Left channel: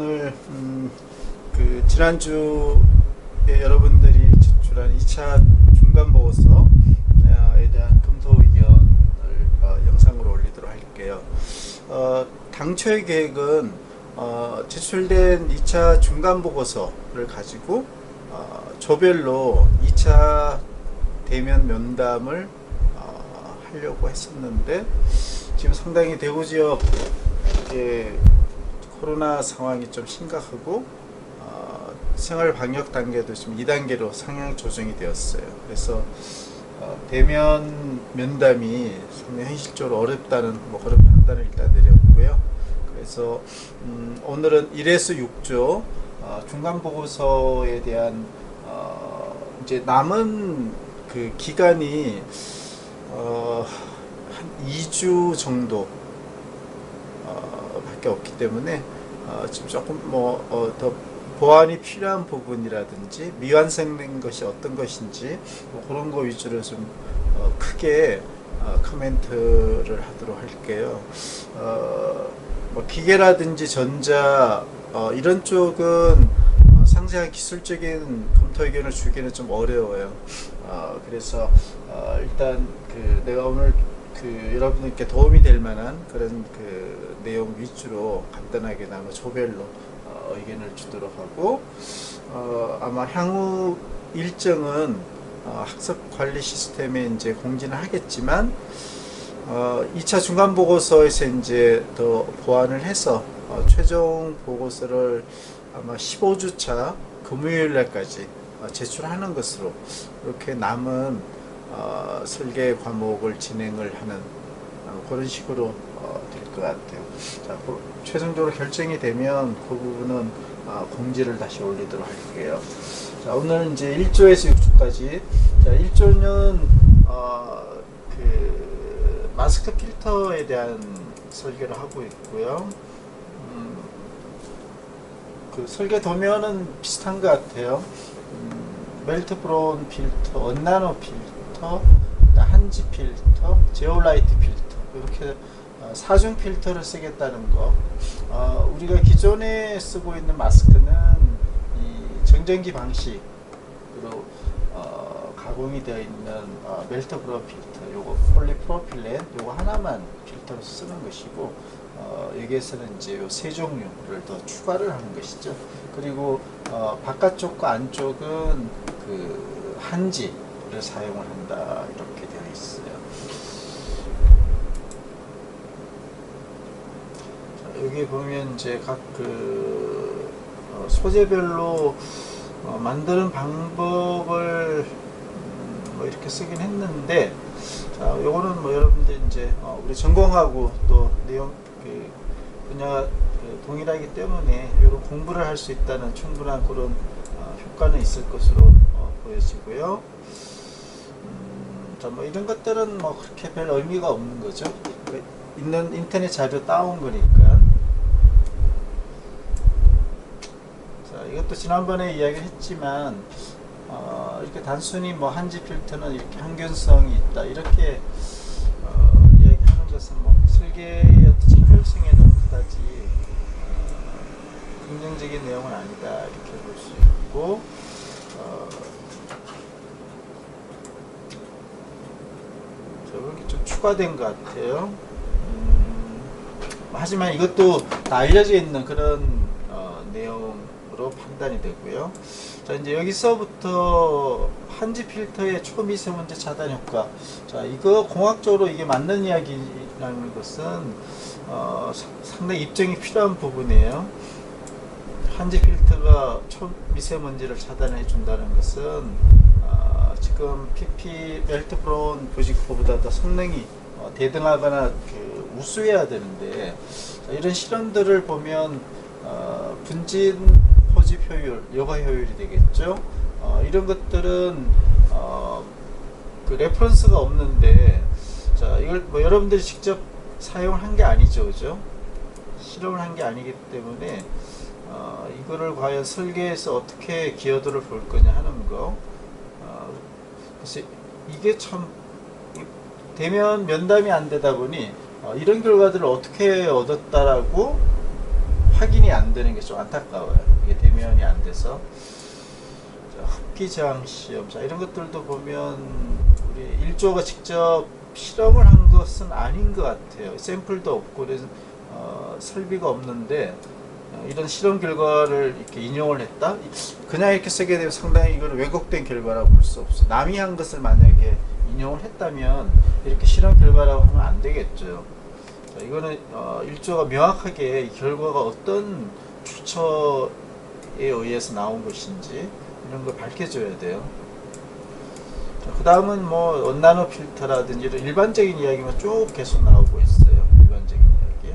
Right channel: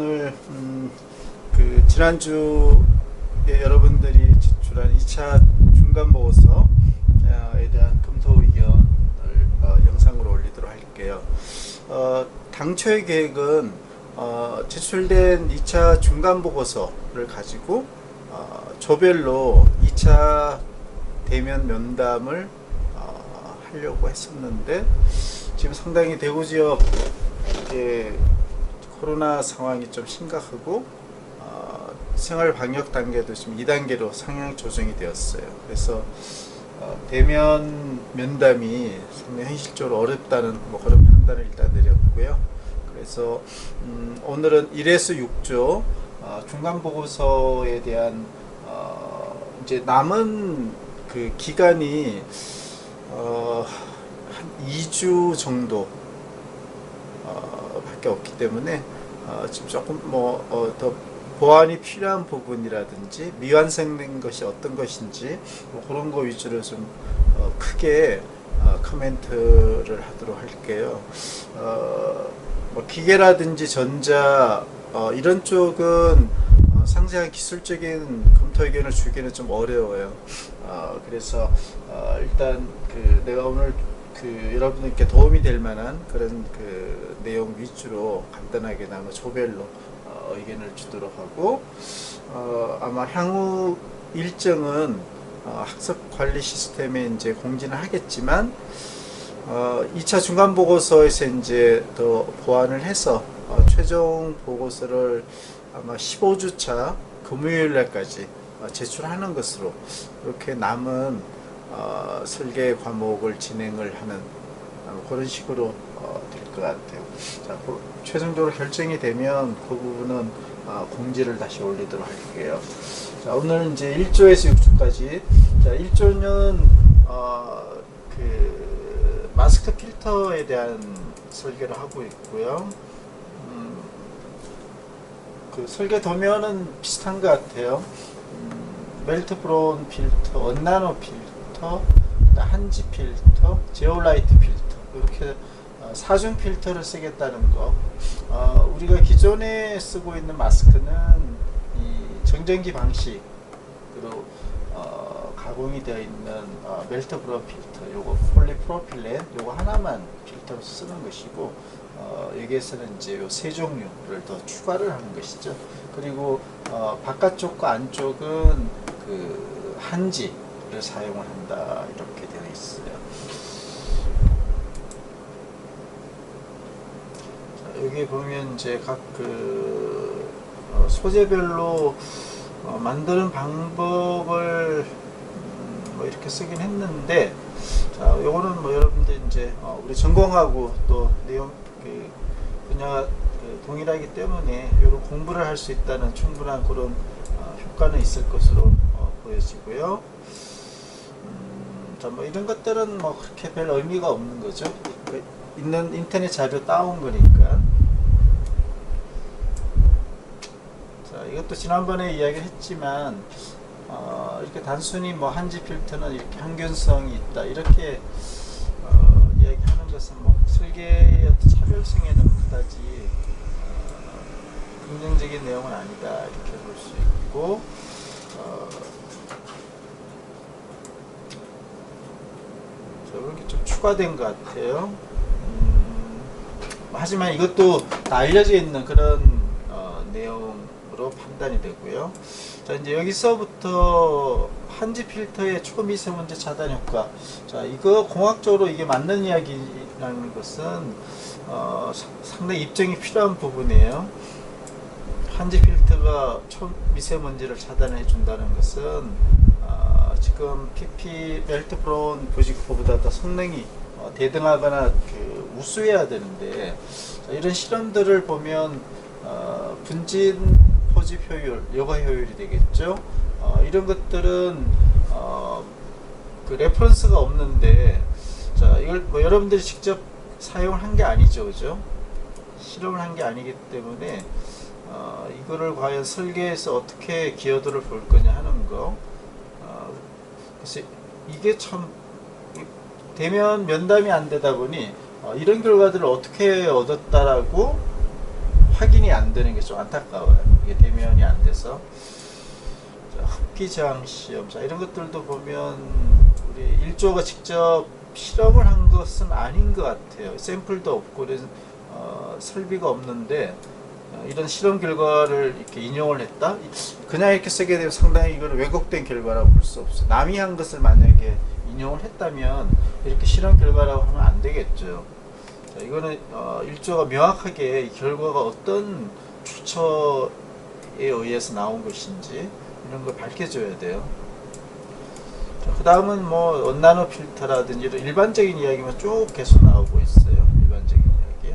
오늘 그 지난주에 여러분들이 제출한 2차 중간 보고서에 대한 검토 의견을 영상으로 올리도록 할게요. 당초의 계획은 제출된 2차 중간 보고서를 가지고 조별로 2차 대면 면담을 하려고 했었는데, 지금 상당히 대구 지역 코로나 상황이 좀 심각하고 생활 방역 단계도 지금 2단계로 상향 조정이 되었어요. 그래서 대면 면담이 상당히 현실적으로 어렵다는 그런 판단을 일단 내렸고요. 그래서 오늘은 1에서 6조 중간 보고서에 대한 이제 남은 그 기간이 한 2주 정도 밖에 없기 때문에 지금 조금 더 보완이 필요한 부분이라든지 미완성된 것이 어떤 것인지 그런 거 위주로 좀 크게 코멘트를 하도록 할게요. 기계라든지 전자 이런 쪽은 상세한 기술적인 검토 의견을 주기는 좀 어려워요. 그래서 일단 내가 오늘 여러분께 도움이 될 만한 그런 내용 위주로 간단하게 조별로 의견을 주도록 하고, 아마 향후 일정은 학습 관리 시스템에 이제 공지는 하겠지만 2차 중간 보고서에서 이제 더 보완을 해서 최종 보고서를 아마 15주차 금요일 날까지 제출하는 것으로 이렇게 남은 설계 과목을 진행을 하는 그런 식으로 될 것 같아요. 자, 최종적으로 결정이 되면 그 부분은 공지를 다시 올리도록 할게요. 자, 오늘 이제 1조에서 6조까지. 자, 1조는 마스크 필터에 대한 설계를 하고 있고요. 설계 도면은 비슷한 것 같아요. 멜트 브라운 필터, 언나노 필터, 한지 필터, 제오라이트 필터, 이렇게 4중 필터를 쓰겠다는 거. 우리가 기존에 쓰고 있는 마스크는 이 정전기 방식으로 가공이 되어 있는 멜트 브라운 필터, 요거 폴리프로필렌, 요거 하나만 필터로 쓰는 것이고, 여기에서는 이제 요 세 종류를 더 추가를 하는 것이죠. 그리고 바깥쪽과 안쪽은 한지를 사용을 한다, 이렇게 되어 있어요. 자, 여기 보면 이제 각 소재별로 만드는 방법을 이렇게 쓰긴 했는데, 자, 요거는 여러분들 이제 우리 전공하고 또 내용 분야가 동일하기 때문에 이런 공부를 할 수 있다는 충분한 그런 효과는 있을 것으로 보여지고요. 자, 이런 것들은 그렇게 별 의미가 없는 거죠. 있는 인터넷 자료 따온 거니까. 자, 이것도 지난번에 이야기를 했지만 이렇게 단순히 한지 필터는 이렇게 항균성이 있다, 이렇게 이야기하는 것은 설계의 차별성에는 그다지 긍정적인 내용은 아니다, 이렇게 볼 수 있고, 이렇게 좀 추가된 것 같아요. 하지만 이것도 다 알려져 있는 그런 내용으로 판단이 되고요. 자, 이제 여기서부터 한지 필터의 초미세먼지 차단 효과. 자, 이거 공학적으로 이게 맞는 이야기라는 것은 상당히 입증이 필요한 부분이에요. 한지 필터가 초미세먼지를 차단해 준다는 것은 지금 PP 멜트 브라운 부직포보다 더 성능이 대등하거나 우수해야 되는데, 이런 실험들을 보면 분진 포집 효율, 여과 효율이 되겠죠. 이런 것들은 레퍼런스가 없는데, 자, 이걸 여러분들이 직접 사용을 한 게 아니죠, 그죠? 실험을 한 게 아니기 때문에 이거를 과연 설계에서 어떻게 기여도를 볼 거냐 하는 거. 그래서 이게 참 면담이 안 되다 보니 이런 결과들을 어떻게 얻었다라고 확인이 안 되는 게 좀 안타까워요. 이게 대면이 안 돼서. 자, 흡기 저항 시험. 자, 이런 것들도 보면 우리 1조가 직접 실험을 한 것은 아닌 것 같아요. 샘플도 없고 설비가 없는데 이런 실험 결과를 이렇게 인용을 했다? 그냥 이렇게 쓰게 되면 상당히 이건 왜곡된 결과라고 볼 수 없어요. 남이 한 것을 만약에 인용을 했다면 이렇게 실험 결과라고 하면 안 되겠죠. 자, 이거는 1조가 명확하게 이 결과가 어떤 출처에 의해서 나온 것인지 이런 걸 밝혀줘야 돼요. 그 다음은 뭐 원나노 필터라든지 이런 일반적인 이야기만 쭉 계속 나오고 있어요. 일반적인 이야기.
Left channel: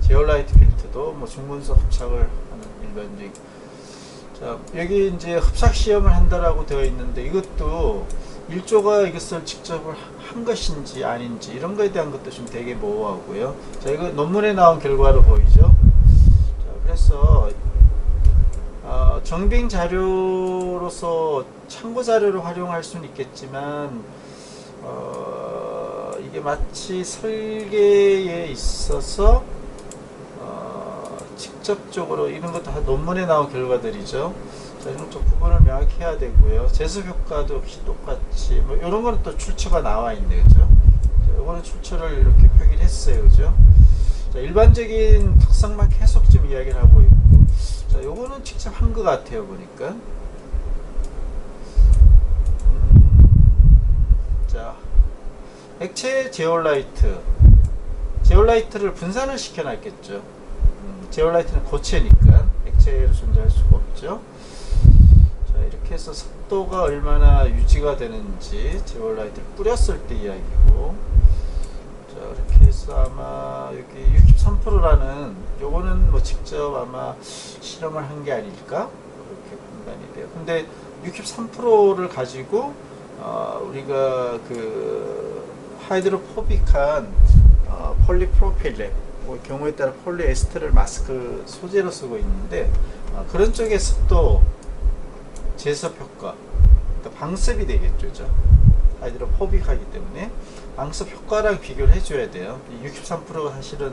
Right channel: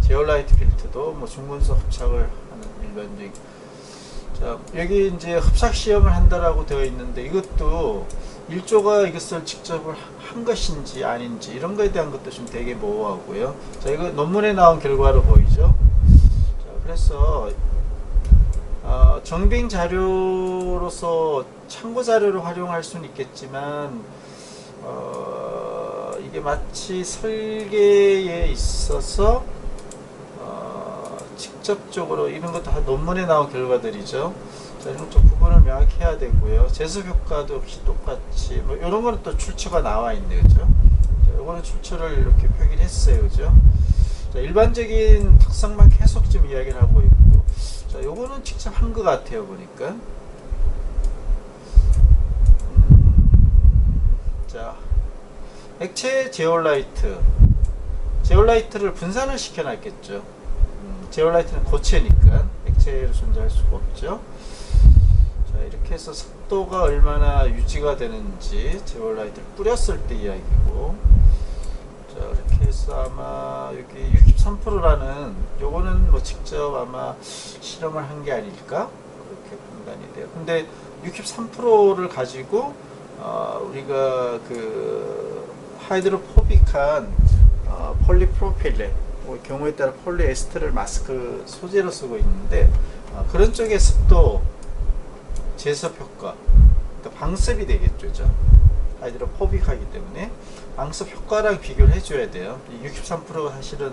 제올라이트 필터도 뭐 중분석 흡착을 하는 일반적인. 자, 여기 이제 흡착 시험을 한다라고 되어 있는데 이것도 1조가 이것을 직접 한 것인지 아닌지 이런 거에 대한 것도 좀 되게 모호하고요. 자, 이거 논문에 나온 결과로 보이죠. 자, 그래서 정빙 자료로서 참고 자료로 활용할 수는 있겠지만 이게 마치 설계에 있어서 직접적으로 이런 것도 다 논문에 나온 결과들이죠. 자, 이런 좀 구분을 명확히 해야 되고요. 제습 효과도 역시 똑같이 뭐 이런 거는 또 출처가 나와 있네요, 그죠? 자, 이거는 출처를 이렇게 표기를 했어요, 그죠? 자, 일반적인 특성만 계속 좀 이야기를 하고 있고, 자, 요거는 직접 한 것 같아요, 보니까. 자, 액체 제올라이트를 분산을 시켜놨겠죠. 제올라이트는 고체니까 액체로 존재할 수가 없죠. 자, 이렇게 해서 습도가 얼마나 유지가 되는지 제올라이트를 뿌렸을 때 이야기고, 자, 이렇게 해서 아마 여기 63%라는 요거는 뭐 직접 아마 실험을 한 게 아닐까 그렇게 판단이 돼요. 근데 63%를 가지고 우리가 그 하이드로포빅한 폴리프로필렌 경우에 따라 폴리에스테르 마스크 소재로 쓰고 있는데 그런 쪽의 습도 제습 효과, 그러니까 방습이 되겠죠. 하이드로포빅하기 때문에 방습 효과랑 비교를 해줘야 돼요. 63%가 사실은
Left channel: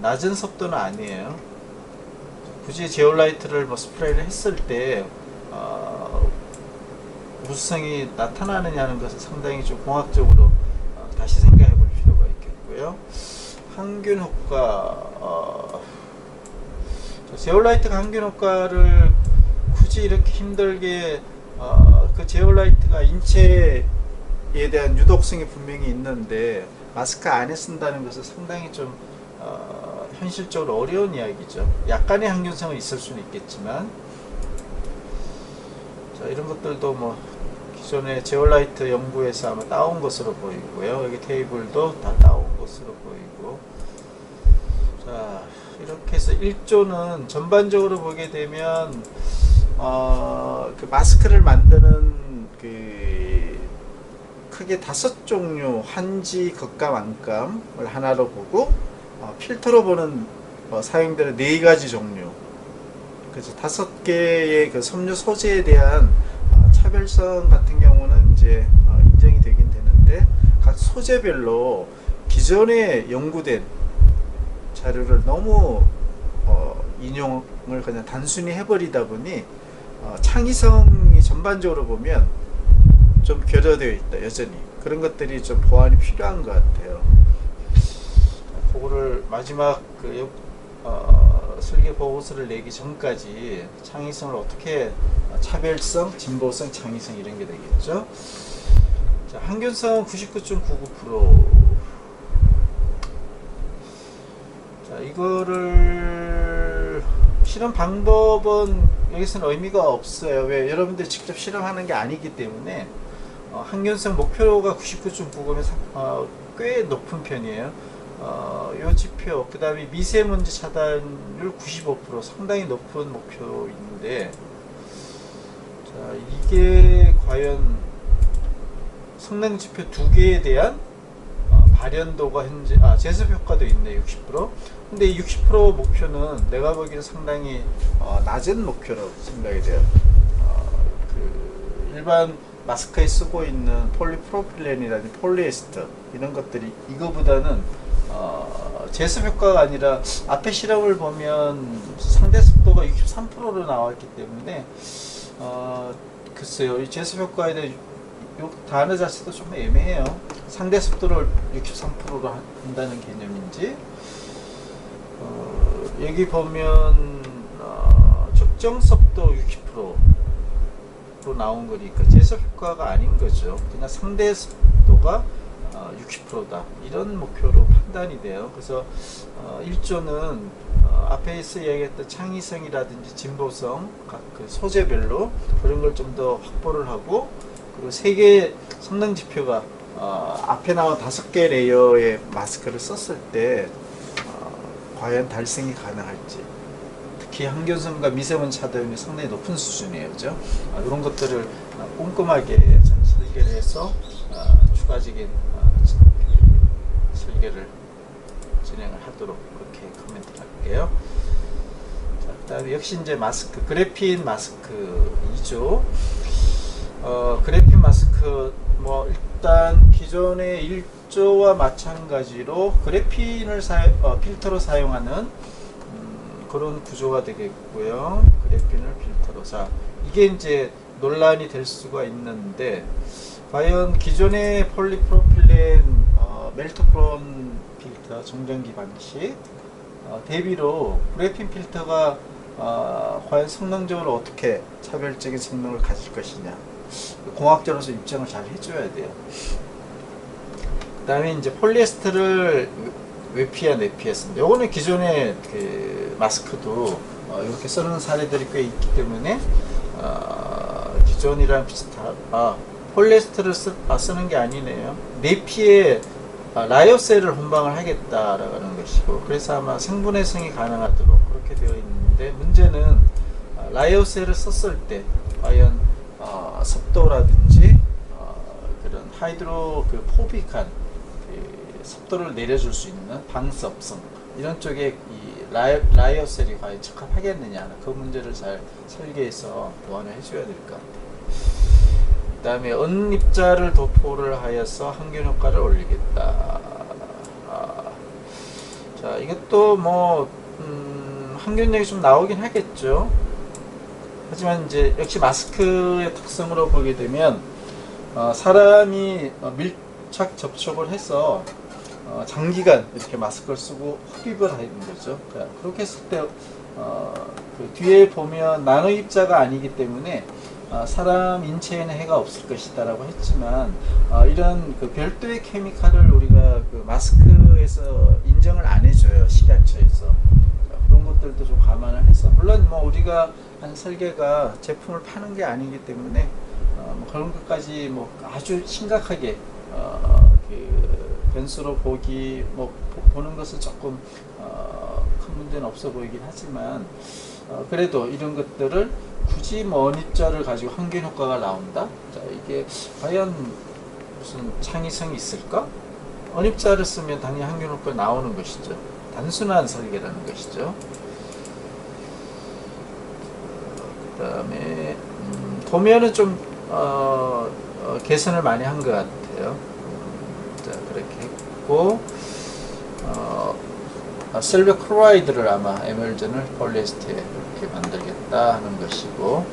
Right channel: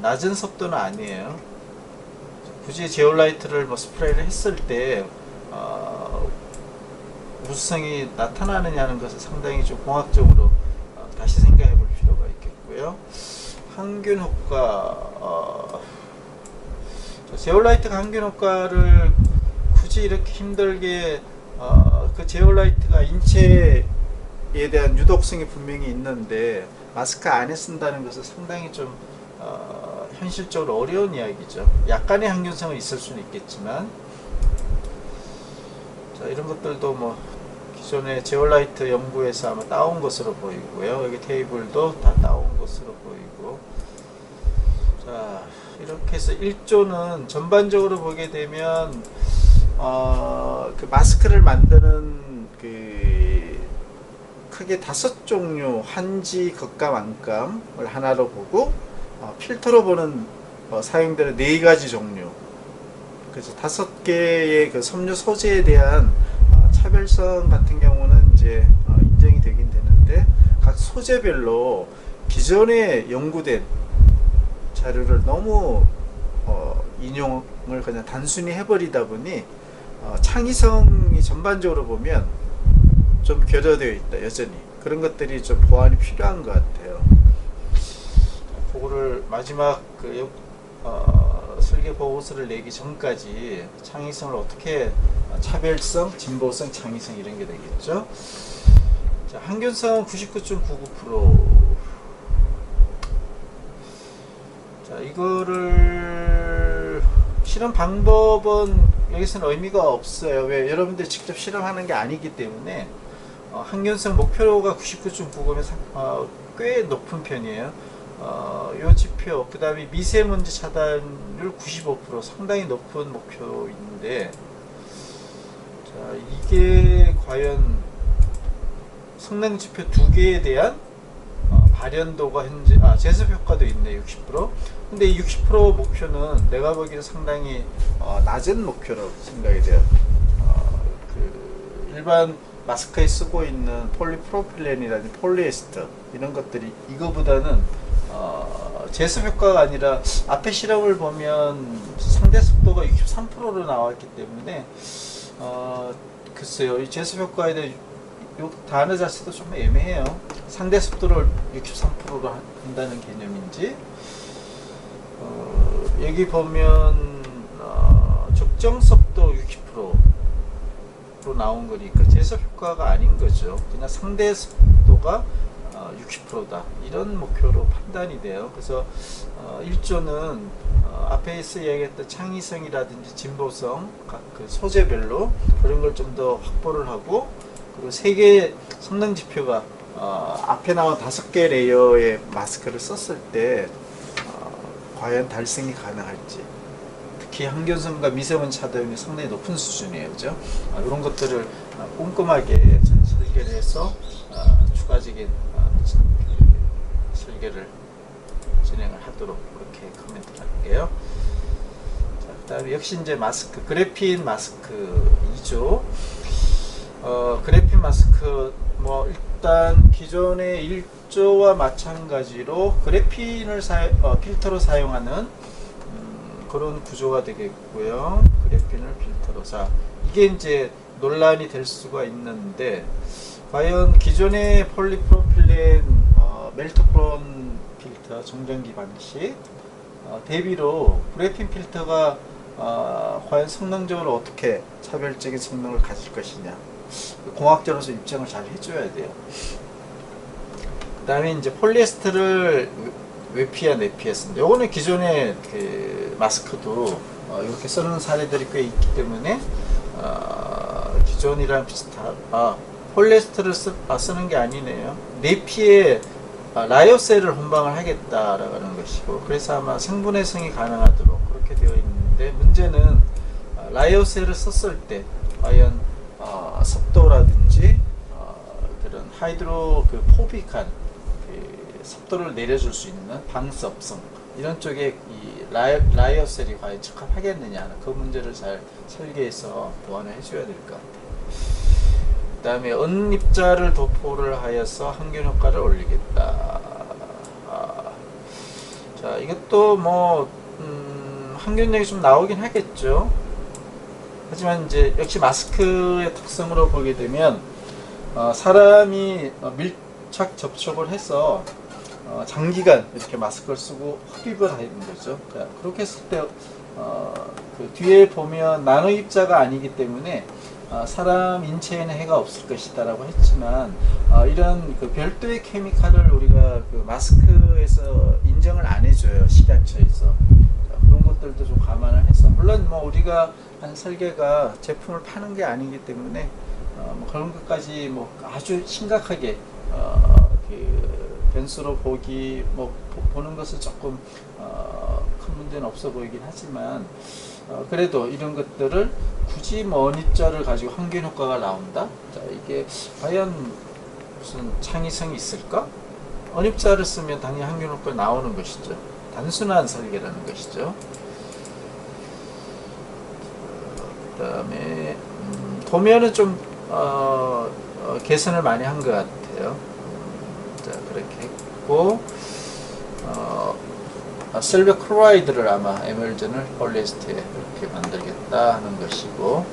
낮은 습도는 아니에요. 굳이 제올라이트를 뭐 스프레이를 했을 때 우수성이 나타나느냐는 것은 상당히 좀 공학적으로 다시 생각해 볼 필요가 있겠고요. 항균 효과, 제올라이트가 항균 효과를 굳이 이렇게 힘들게 그 제올라이트가 인체에 대한 유독성이 분명히 있는데 마스크 안에 쓴다는 것은 상당히 좀 현실적으로 어려운 이야기죠. 약간의 항균성은 있을 수는 있겠지만, 자, 이런 것들도 뭐 기존의 제올라이트 연구에서 아마 따온 것으로 보이고요. 여기 테이블도 다 따온 것으로 보이고, 자, 이렇게 해서 1조는 전반적으로 보게 되면 그 마스크를 만드는 그 크게 5종류, 한지, 겉감, 안감을 하나로 보고 필터로 보는 사용되는 4가지 종류, 그래서 5개의 그 섬유 소재에 대한 차별성 같은 경우는 이제 인정이 되긴 되는데 각 소재별로 기존에 연구된 자료를 너무 인용을 그냥 단순히 해버리다 보니 창의성이 전반적으로 보면 좀 결여되어 있다. 여전히 그런 것들이 좀 보완이 필요한 것 같아요. 그거를 마지막 그 설계 보고서를 내기 전까지 창의성을 어떻게 차별성, 진보성, 창의성 이런 게 되겠죠. 자, 항균성은 99.99%. 자, 이거를 실험 방법은 여기서는 의미가 없어요. 왜? 여러분들이 직접 실험하는 게 아니기 때문에 항균성 목표가 99.99면 꽤 높은 편이에요. 요 지표, 그 다음에 미세먼지 차단율 95% 상당히 높은 목표인데, 자, 이게 과연 성능 지표 2개에 대한 발현도가 현재, 제습 효과도 있네, 60%. 근데 이 60% 목표는 내가 보기에는 상당히 낮은 목표라고 생각이 돼요. 그 일반 마스크에 쓰고 있는 폴리프로필렌이라든지 폴리에스터 이런 것들이 이거보다는 제습 효과가 아니라 앞에 실험을 보면 상대 속도가 63%로 나왔기 때문에 글쎄요, 이 제습 효과에 대해 요 단어 자체도 좀 애매해요. 상대 속도를 63%로 한다는 개념인지, 여기 보면 적정 속도 60%로 나온 거니까 제습 효과가 아닌 거죠. 그냥 상대 속도가 60%다 이런 목표로 판단이 돼요. 그래서 1조는 앞에서 얘기했던 창의성이라든지 진보성 각 그 소재별로 그런 걸 좀 더 확보를 하고, 그리고 3개의 성능 지표가 앞에 나온 5개 레이어의 마스크를 썼을 때 과연 달성이 가능할지, 특히 항균성과 미세먼지 차단이 상당히 높은 수준이에요. 그죠? 이런 것들을 꼼꼼하게 설계를 해서 추가적인 설계를 진행을 하도록 그렇게 코멘트를 할게요. 자, 그 다음에 역시 이제 마스크, 그래핀 마스크 2조. 그래핀 마스크, 뭐 일단 기존의 1조와 마찬가지로 그래핀을 필터로 사용하는 그런 구조가 되겠고요. 그래핀을 필터로. 자, 이게 이제 논란이 될 수가 있는데, 과연 기존의 폴리프로필렌 멜트프론 필터 정전기 방식 대비로 그래핀 필터가 과연 성능적으로 어떻게 차별적인 성능을 가질 것이냐, 공학자로서 입장을 잘 해줘야 돼요. 그 다음에 이제 폴리에스테를 외피한 내피했습니다. 요거는 기존의 그 마스크도 이렇게 쓰는 사례들이 꽤 있기 때문에 기존이랑 비슷한, 폴리에스테를 쓰는 게 아니네요. 내피에 라이오셀을 혼방을 하겠다라는 것이고, 그래서 아마 생분해성이 가능하도록 그렇게 되어 있는데, 문제는 라이오셀을 썼을 때 과연 습도라든지 그런 하이드로 그 포빅한 그 습도를 내려줄 수 있는 방습성, 이런 쪽에 이 라이오셀이 과연 적합하겠느냐, 그 문제를 잘 설계해서 보완을 해줘야 될 것 같아요. 그 다음에 언입자를 도포를 하여서 항균 효과를 올리겠다. 자, 이것도 뭐 항균력이 좀 나오긴 하겠죠. 하지만 이제 역시 마스크의 특성으로 보게 되면 사람이 밀착 접촉을 해서 장기간 이렇게 마스크를 쓰고 흡입을 하는 거죠. 그렇게 했을 때 그 뒤에 보면 나노 입자가 아니기 때문에 사람 인체에는 해가 없을 것이다 라고 했지만, 이런 그 별도의 케미칼을 우리가 그 마스크에서 인정을 안 해줘요, 식약처에서. 그런 것들도 좀 감안을 해서, 물론 뭐 우리가 한 설계가 제품을 파는 게 아니기 때문에 뭐 그런 것까지 뭐 아주 심각하게 그 변수로 보는 것은 조금 큰 문제는 없어 보이긴 하지만, 그래도 이런 것들을 굳이 뭐 언입자를 가지고 항균 효과가 나온다? 자, 이게 과연 무슨 창의성이 있을까? 언입자를 쓰면 당연히 항균 효과가 나오는 것이죠. 단순한 설계라는 것이죠. 그 다음에 도면은 좀 개선을 많이 한 것 같아요. 자, 그렇게 했고, 실버 클로라이드를 아마 에멀전을 폴리에스테에 이렇게 만들겠다 하는 것이고,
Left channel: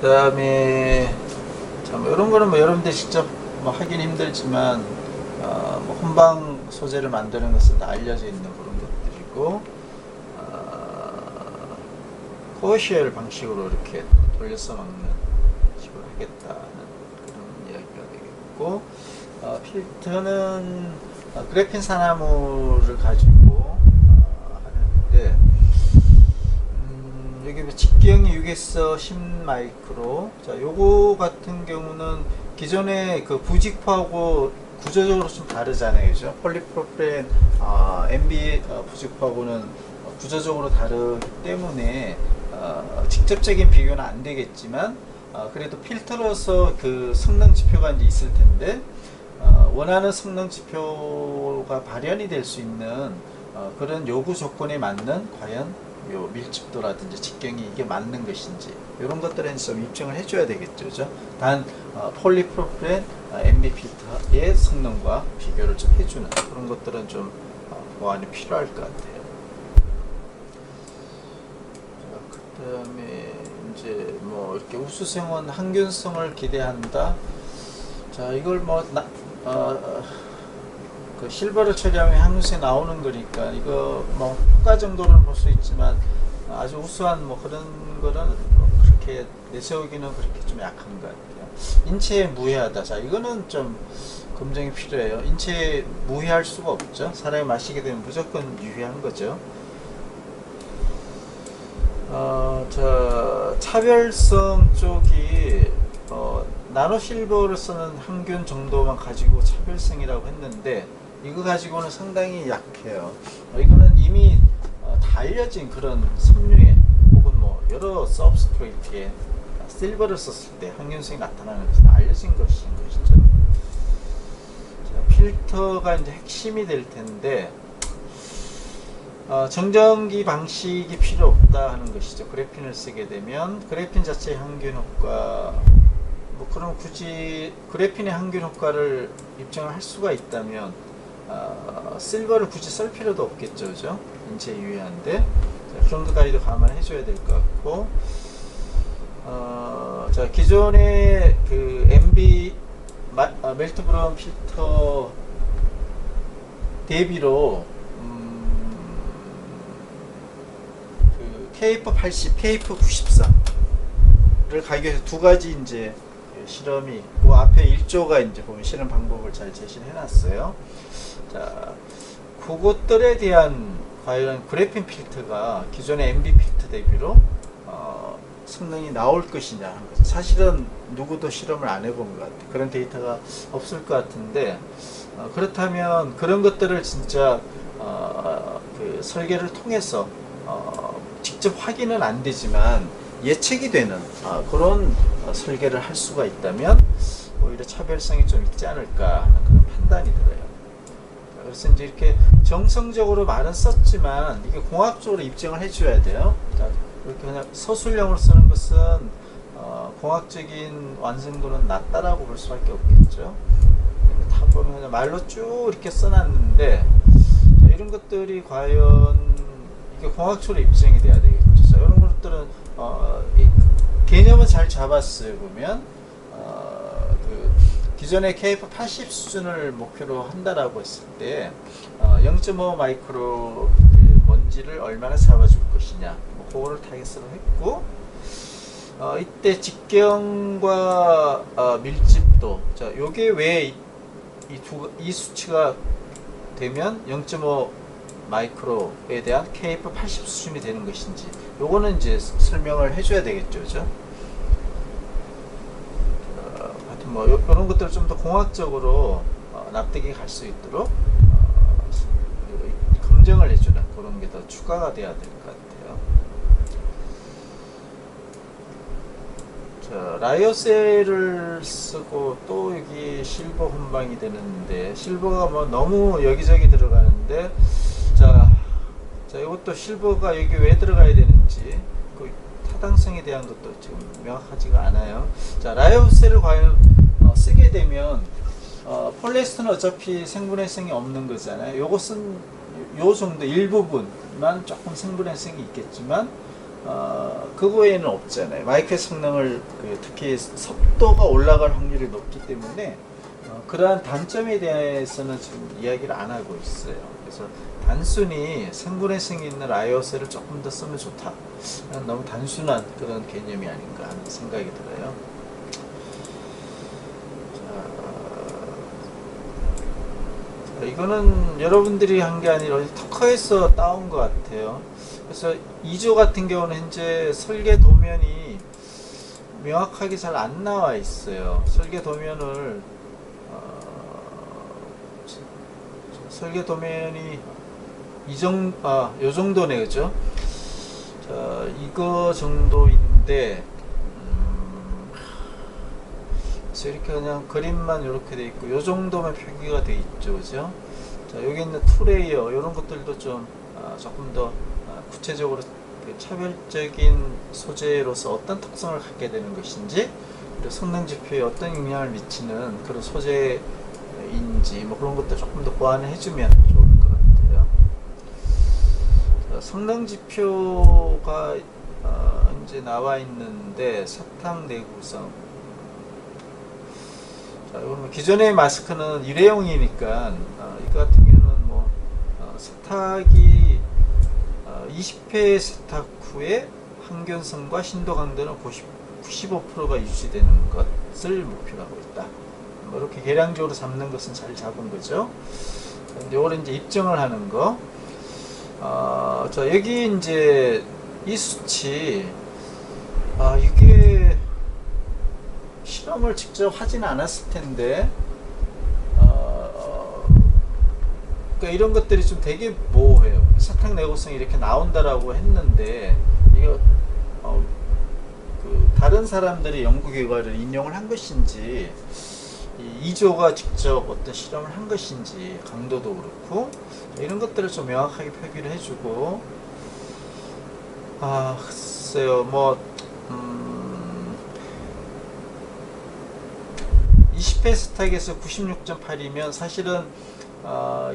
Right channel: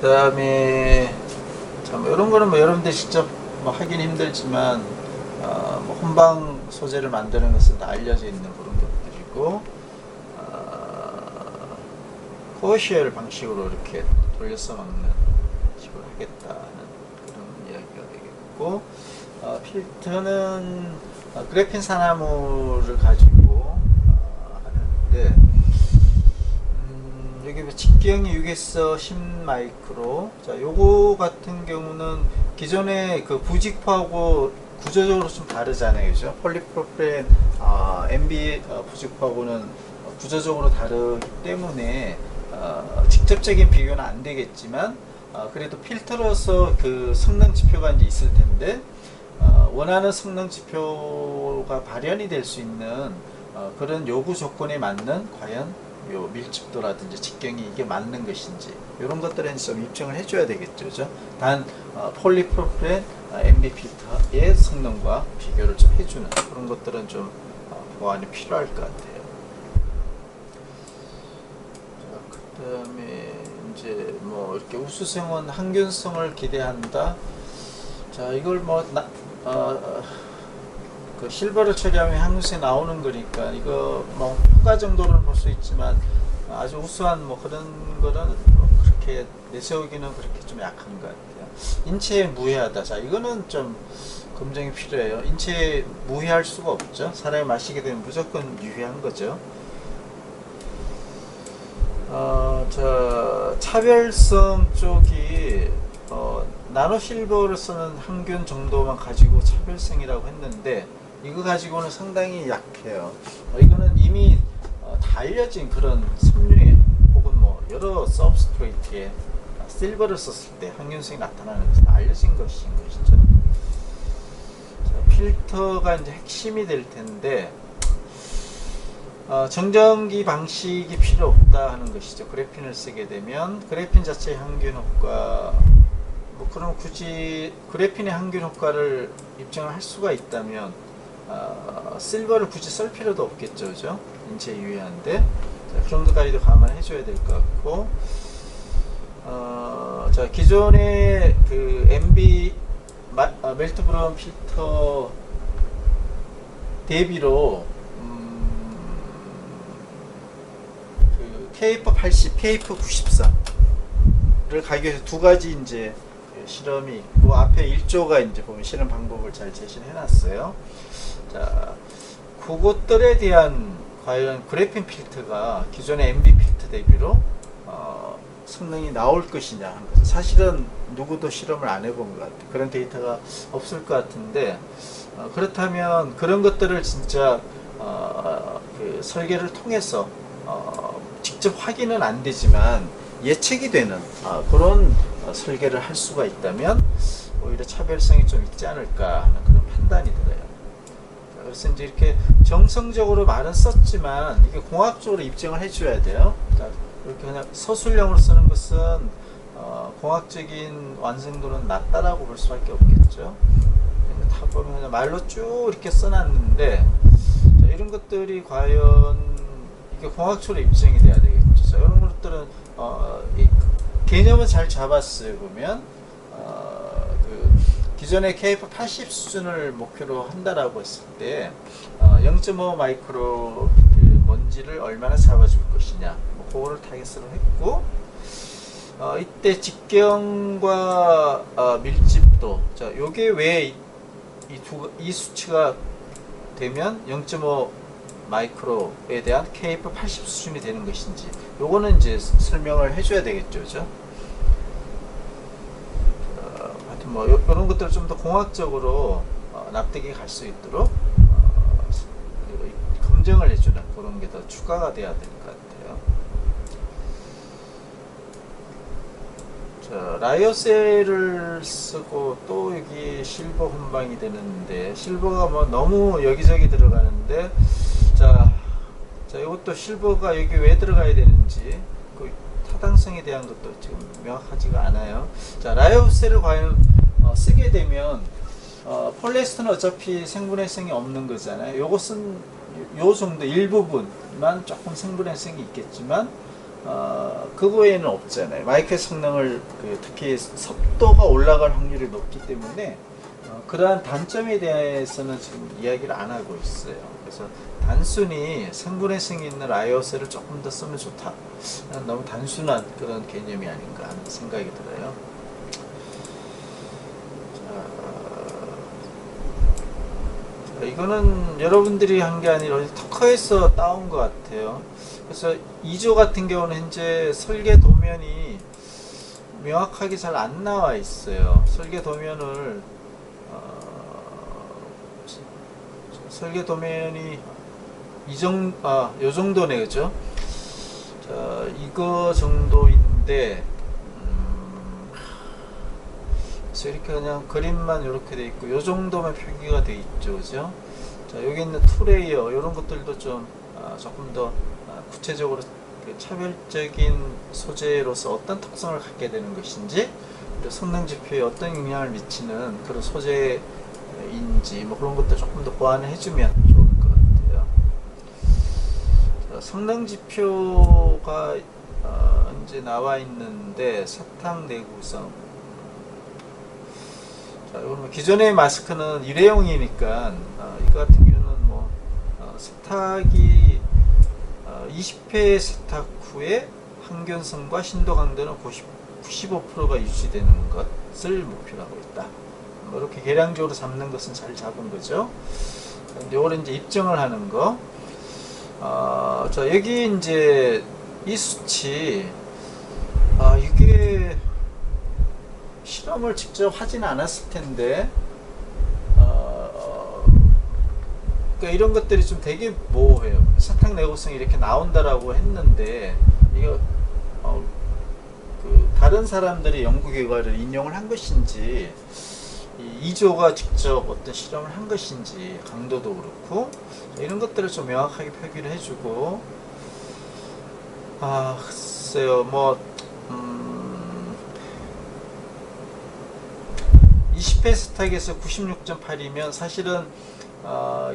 그 다음에 참 이런 거는 뭐 여러분들 직접 뭐 하긴 힘들지만 뭐 혼방 소재를 만드는 것은 다 알려져 있는 그런 것들이고, 코어쉘 방식으로 이렇게 돌려서 막는 식으로 하겠다는 그런 이야기가 되겠고, 필터는 그래핀 산화물을 가지고 하는데, 여기 직경이 6에서 10 마이크로. 자, 요거 같은 경우는 기존의 그 부직포하고 구조적으로 좀 다르잖아요, 그죠? 폴리프로필렌 MB 부직포하고는 구조적으로 다르기 때문에 직접적인 비교는 안 되겠지만, 그래도 필터로서 그 성능 지표가 이제 있을 텐데, 원하는 성능 지표가 발현이 될 수 있는 그런 요구 조건에 맞는 과연 요 밀집도라든지 직경이 이게 맞는 것인지 이런 것들은 좀 입증을 해줘야 되겠죠. 그죠? 단 폴리프로필렌 MB 필터의 성능과 비교를 좀 해주는 그런 것들은 좀 보완이 필요할 것 같아요. 자, 그다음에 이제 뭐 이렇게 우수성은 항균성을 기대한다. 자, 이걸 그 실버를 처리하면 항균성이 나오는 거니까 이거 뭐 효과 정도는 볼 수 있지만 아주 우수한 뭐 그런 거는 뭐 그렇게 내세우기는 그렇게 좀 약한 것 같아요. 인체에 무해하다. 자, 이거는 좀 검증이 필요해요. 인체에 무해할 수가 없죠. 사람이 마시게 되면 무조건 유해한 거죠. 자, 차별성 쪽이 나노실버를 쓰는 항균 정도만 가지고 차별성이라고 했는데 이거 가지고는 상당히 약해요. 이거는 이미 다 알려진 그런 섬유에 혹은 뭐 여러 서브스트레이트에 실버를 썼을 때 항균성이 나타나는 것은 알려진 것인 것이죠. 자, 필터가 이제 핵심이 될 텐데 정전기 방식이 필요 없다 하는 것이죠. 그래핀을 쓰게 되면 그래핀 자체의 항균 효과 뭐 그럼 굳이 그래핀의 항균 효과를 입증을 할 수가 있다면 실버를 굳이 쓸 필요도 없겠죠. 그죠? 인체에 유해한데 자, 그 정도까지도 감안해 줘야 될 것 같고 자, 기존의 그 MB 멜트 브라운 필터 대비로 그 KF80, KF94를 가기 위해서 두 가지 이제 실험이 있고 앞에 1조가 이제 보면 실험 방법을 잘 제시해 놨어요. 자, 그것들에 대한 과연 그래핀 필터가 기존의 MB 필터 대비로 성능이 나올 것이냐 하는 것은 사실은 누구도 실험을 안 해본 것 같아요. 그런 데이터가 없을 것 같은데 그렇다면 그런 것들을 진짜 그 설계를 통해서 직접 확인은 안 되지만 예측이 되는 그런 설계를 할 수가 있다면 오히려 차별성이 좀 있지 않을까 하는 그런 판단이 들어요. 그래서 이제 이렇게 정성적으로 말은 썼지만 이게 공학적으로 입증을 해줘야 돼요. 자, 이렇게 그냥 서술형으로 쓰는 것은 공학적인 완성도는 낮다라고 볼 수밖에 없겠죠. 다 보면 그냥 말로 쭉 이렇게 써놨는데 자, 이런 것들이 과연 이게 공학적으로 입증이 돼야 되겠죠. 자, 이런 것들은 이 개념은 잘 잡았어요. 보면 그 기존의 KF80 수준을 목표로 한다라고 했을 때 0.5 마이크로 그 먼지를 얼마나 잡아줄 것이냐 뭐 그거를 타겟으로 했고 이때 직경과 밀집도 자 요게 왜 이 수치가 되면 0.5 마이크로에 대한 KF80 수준이 되는 것인지 요거는 이제 설명을 해줘야 되겠죠. 그죠? 하여튼 뭐 이런 것들을 좀 더 공학적으로 납득이 갈 수 있도록 검증을 해주는 그런 게 더 추가가 돼야 될 것 같아요. 자, 라이오셀을 쓰고 또 여기 실버 혼방이 되는데 실버가 뭐 너무 여기저기 들어가는데 자 이것도 실버가 여기 왜 들어가야 되는지 그 타당성에 대한 것도 지금 명확하지가 않아요. 자, 라이오셀을 과연 쓰게 되면 폴리에스터는 어차피 생분해성이 없는 거잖아요. 요것은 요 정도 일부분만 조금 생분해성이 있겠지만 그 외에는 없잖아요. 마이크의 성능을 특히 섭도가 올라갈 확률이 높기 때문에 그러한 단점에 대해서는 지금 이야기를 안 하고 있어요. 그래서 단순히 생분해성이 있는 라이오셀을 조금 더 쓰면 좋다. 너무 단순한 그런 개념이 아닌가 하는 생각이 들어요. 자, 이거는 여러분들이 한 게 아니라 터커에서 따온 것 같아요. 그래서 2조 같은 경우는 현재 설계 도면이 명확하게 잘 안 나와 있어요. 설계 도면을 설계 도면이 요 정도네, 그죠? 자, 이거 정도인데, 그래서 이렇게 그냥 그림만 이렇게 돼 있고, 요 정도만 표기가 돼 있죠, 그죠? 자, 여기 있는 투레이어, 이런 것들도 좀, 조금 더 구체적으로 그 차별적인 소재로서 어떤 특성을 갖게 되는 것인지, 그리고 성능 지표에 어떤 영향을 미치는 그런 소재인지 뭐 그런 것도 조금 더 보완을 해주면 좋을 것 같아요. 자, 성능 지표가 이제 나와 있는데, 사탁 내구성. 자, 이거는 기존의 마스크는 일회용이니까 이거 같은 경우는 뭐 세탁이 20회 세탁 후에 항균성과 신도 강도는 95%가 유지되는 것을 목표로 하고 있다. 뭐 이렇게 계량적으로 잡는 것은 잘 잡은 거죠. 이거를 이제 입증을 하는 거. 자, 여기 이제 이 수치, 이게 실험을 직접 하진 않았을 텐데, 그러니까 이런 것들이 좀 되게 모호해요. 사탁 내구성이 이렇게 나온다라고 했는데, 이거 그 다른 사람들이 연구 결과를 인용을 한 것인지, 이조가 직접 어떤 실험을 한 것인지, 강도도 그렇고 이런 것들을 좀 명확하게 표기를 해주고, 글쎄요, 뭐 20회 세탁에서 96.8이면 사실은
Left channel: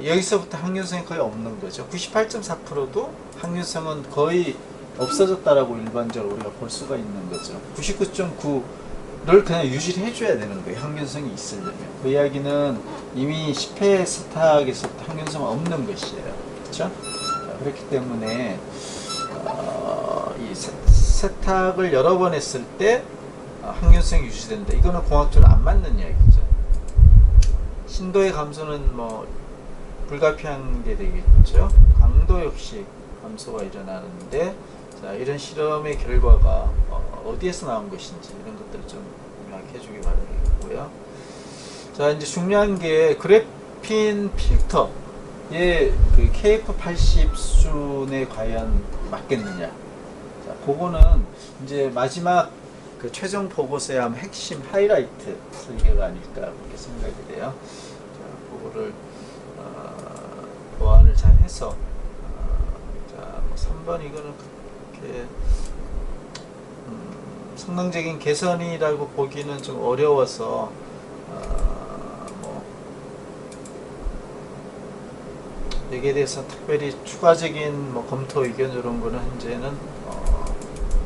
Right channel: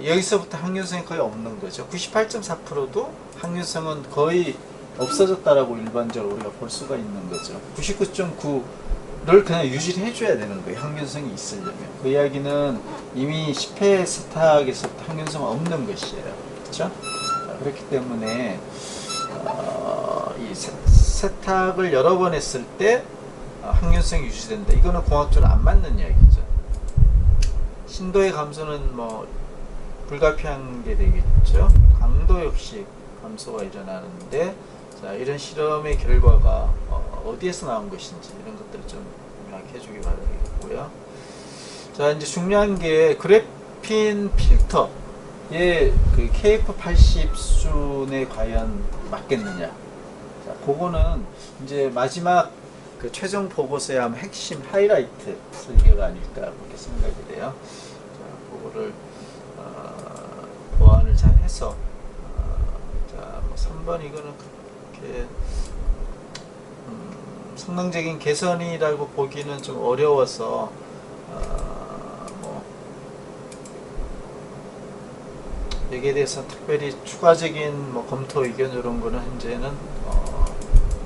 여기서부터 항균성이 거의 없는 거죠. 98.4%도 항균성은 거의 없어졌다라고 일반적으로 우리가 볼 수가 있는 거죠. 99.9를 그냥 유지를 해줘야 되는 거예요. 항균성이 있으려면. 그 이야기는 이미 10회 세탁에서부터 항균성은 없는 것이에요. 그렇죠? 그렇기 때문에 이 세탁을 여러 번 했을 때 항균성이 유지된다. 이거는 공학적으로 안 맞는 이야기죠. 신도의 감소는 뭐 불가피한 게 되겠죠. 강도 역시 감소가 일어나는데, 자, 이런 실험의 결과가 어디에서 나온 것인지 이런 것들을 좀 명확히 해주기 바라겠고요. 자, 이제 중요한 게 그래핀 필터의 그 KF80 수준에 과연 맞겠느냐. 자, 그거는 이제 마지막 그 최종 보고서의 아마 핵심 하이라이트 설계가 아닐까 그렇게 생각이 돼요. 자, 그거를 보완을 잘 해서, 자, 뭐 3번 이거는 그렇게 성능적인 개선이라고 보기는 좀 어려워서 뭐 여기에 대해서 특별히 추가적인 뭐 검토 의견 이런 거는 현재는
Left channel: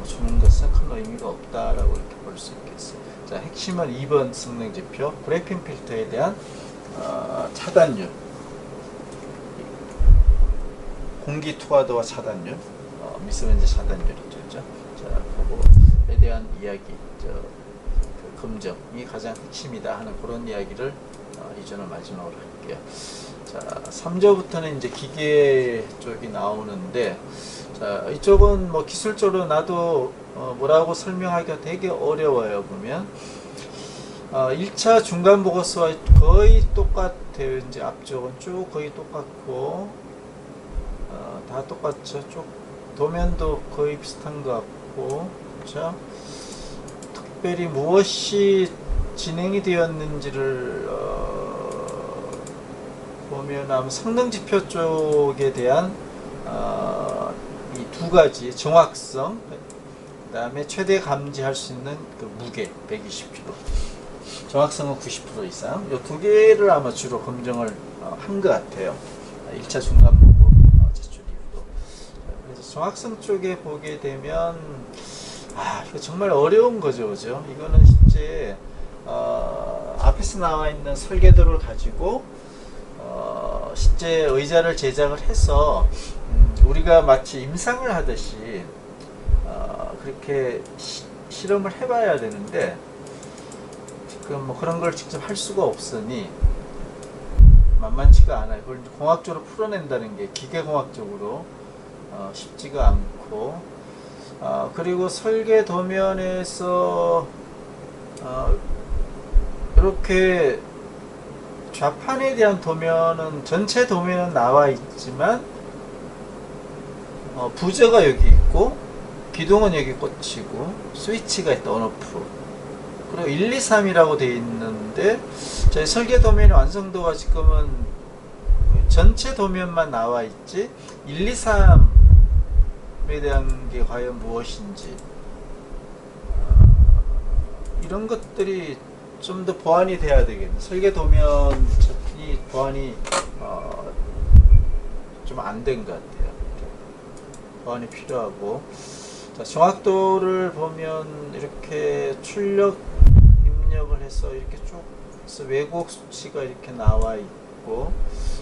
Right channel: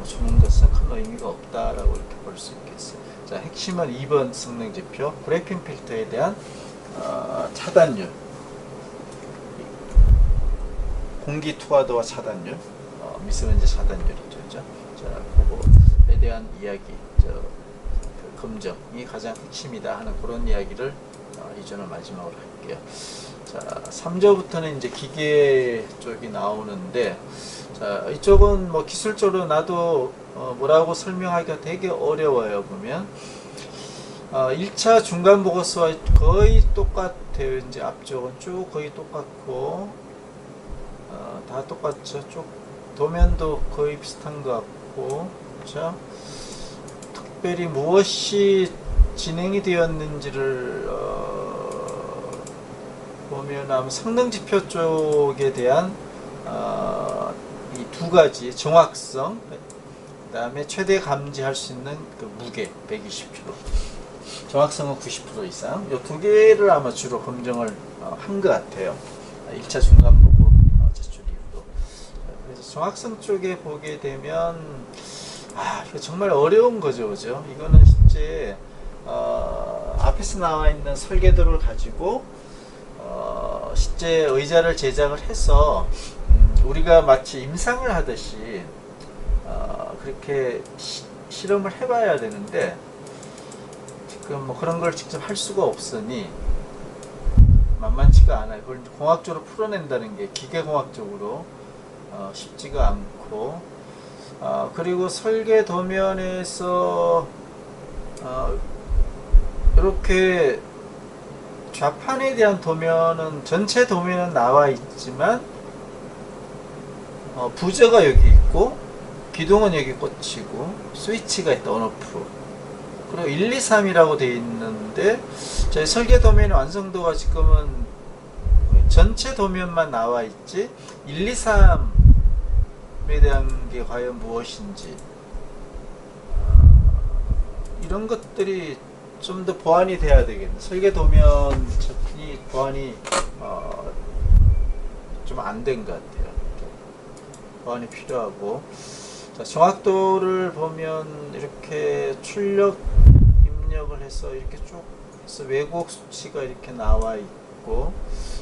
주는 것은 큰 의미가 없다라고 이렇게 볼 수 있겠어요. 자, 핵심은 2번 성능 지표, 그래핀 필터에 대한 차단율, 공기 투하도와 차단율, 미세먼지 차단율이죠. 그죠? 자, 그거에 대한 이야기, 그 검정이 가장 핵심이다 하는 그런 이야기를 이전을 마지막으로 할게요. 자, 3조부터는 이제 기계 쪽이 나오는데, 자, 이쪽은 뭐 기술적으로 나도 뭐라고 설명하기가 되게 어려워요. 보면 1차 중간 보고서와 거의 똑같아요. 이제 앞쪽은 쭉 거의 똑같고, 다 똑같죠. 쭉 도면도 거의 비슷한 것 같고, 그렇죠? 특별히 무엇이 진행이 되었는지를 보면 아마 성능 지표 쪽에 대한 이 두 가지 정확성, 그 다음에 최대 감지할 수 있는 그 무게 120kg, 정확성은 90% 이상, 이 두 개를 아마 주로 검증을 한 것 같아요. 1차 중간 보고 제출 이후로. 그래서 정확성 쪽에 보게 되면 이거 정말 어려운 거죠, 그죠? 이거는 실제 앞에서 나와 있는 설계도를 가지고 실제 의자를 제작을 해서 우리가 마치 임상을 하듯이 그렇게 실험을 해봐야 되는데, 지금 뭐 그런 걸 직접 할 수가 없으니 만만치가 않아요. 그걸 공학적으로 풀어낸다는 게 기계공학적으로 쉽지가 않고, 그리고 설계 도면에서 이렇게 좌판에 대한 도면은 전체 도면은 나와 있지만 부저가 여기 있고 기둥은 여기 꽂히고 스위치가 있다, 온오프. 그리고 1, 2, 3이라고 되어 있는데 저희 설계 도면의 완성도가 지금은 전체 도면만 나와 있지 1, 2, 3 대한 게 과연 무엇인지 이런 것들이 좀 더 보완이 돼야 되겠네. 설계 도면이 보완이 좀 안 된 것 같아요. 보완이 필요하고, 자, 정확도를 보면 이렇게 출력 입력을 해서 이렇게 쭉 해서 왜곡 수치가 이렇게 나와 있고,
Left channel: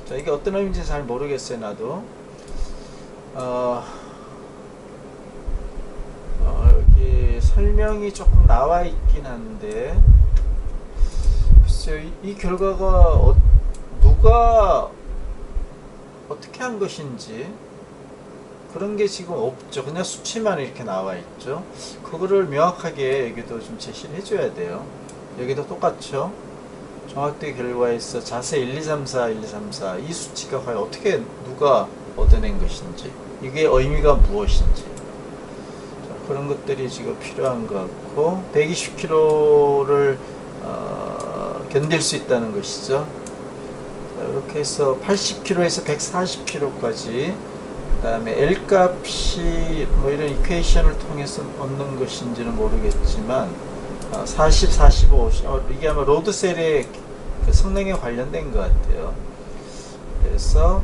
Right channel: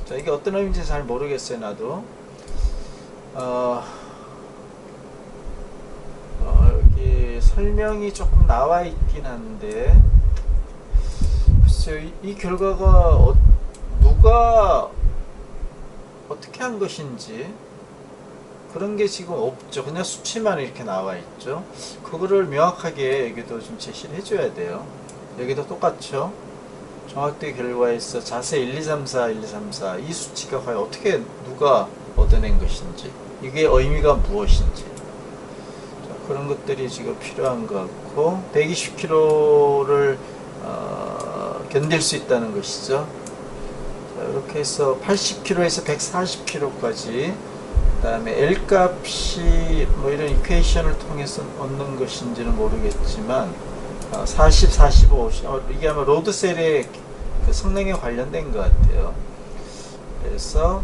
자, 이게 어떤 의미인지 잘 모르겠어요, 나도. 여기 설명이 조금 나와 있긴 한데, 글쎄요, 이 결과가 누가 어떻게 한 것인지 그런 게 지금 없죠. 그냥 수치만 이렇게 나와 있죠. 그거를 명확하게 여기도 좀 제시를 해줘야 돼요. 여기도 똑같죠. 정확도의 결과에서 자세 1, 2, 3, 4, 1, 2, 3, 4 이 수치가 과연 어떻게 누가 얻어낸 것인지, 이게 의미가 무엇인지, 자, 그런 것들이 지금 필요한 것 같고, 120km를 견딜 수 있다는 것이죠. 자, 이렇게 해서 80km에서 140km까지, 그 다음에 L 값이 뭐 이런 이퀘이션을 통해서 얻는 것인지는 모르겠지만 40, 45, 이게 아마 로드셀의 그 성능에 관련된 것 같아요. 그래서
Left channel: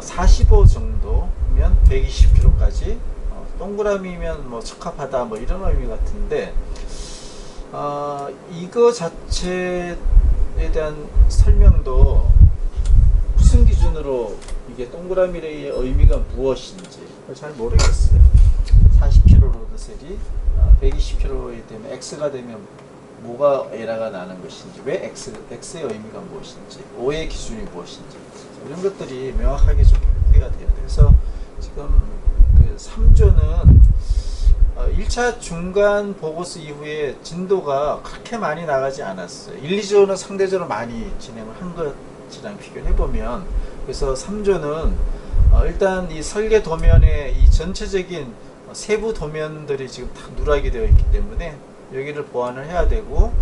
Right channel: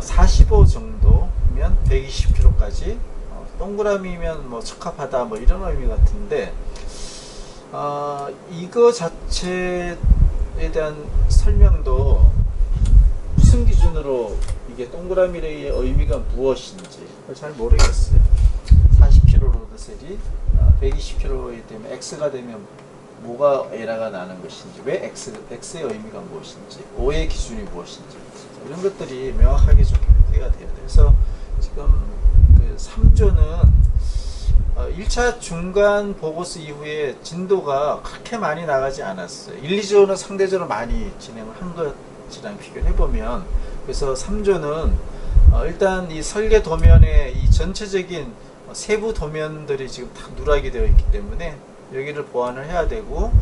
45 정도면 120km까지, 동그라미면 뭐 적합하다 뭐 이런 의미 같은데, 이거 자체에 대한 설명도 무슨 기준으로 이게 동그라미의 의미가 무엇인지 잘 모르겠어요. 40km 로드셀이 120km에 되면 X가 되면 뭐가 에러가 나는 것인지, 왜 X의 의미가 무엇인지, O의 기준이 무엇인지, 이런 것들이 명확하게 좀 표기가 돼야 돼요. 그래서 지금 그 3조는 1차 중간 보고서 이후에 진도가 그렇게 많이 나가지 않았어요. 1, 2조는 상대적으로 많이 진행을 한 것이랑 비교를 해보면, 그래서 3조는 일단 이 설계 도면의 이 전체적인 세부 도면들이 지금 다 누락이 되어 있기 때문에 여기를 보완을 해야 되고,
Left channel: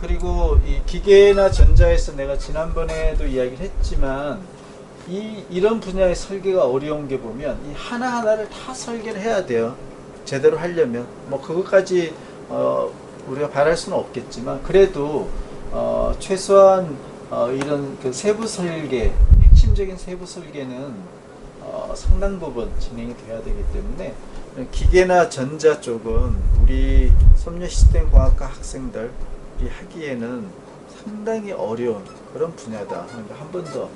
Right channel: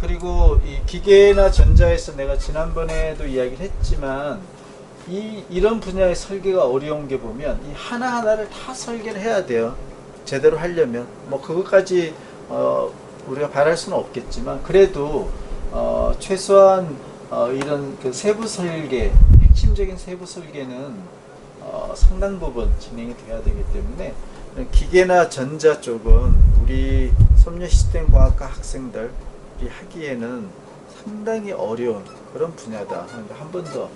그리고 이 기계나 전자에서 내가 지난번에도 이야기를 했지만, 이런 분야의 설계가 어려운 게 보면 이 하나하나를 다 설계를 해야 돼요. 제대로 하려면 뭐 그것까지 우리가 바랄 수는 없겠지만, 그래도 최소한 이런 그 세부 설계, 핵심적인 세부 설계는 상당 부분 진행이 돼야 되기 때문에, 기계나 전자 쪽은 우리 섬유시스템공학과 학생들이 하기에는 상당히 어려운 그런 분야다. 그러니까 한 번 더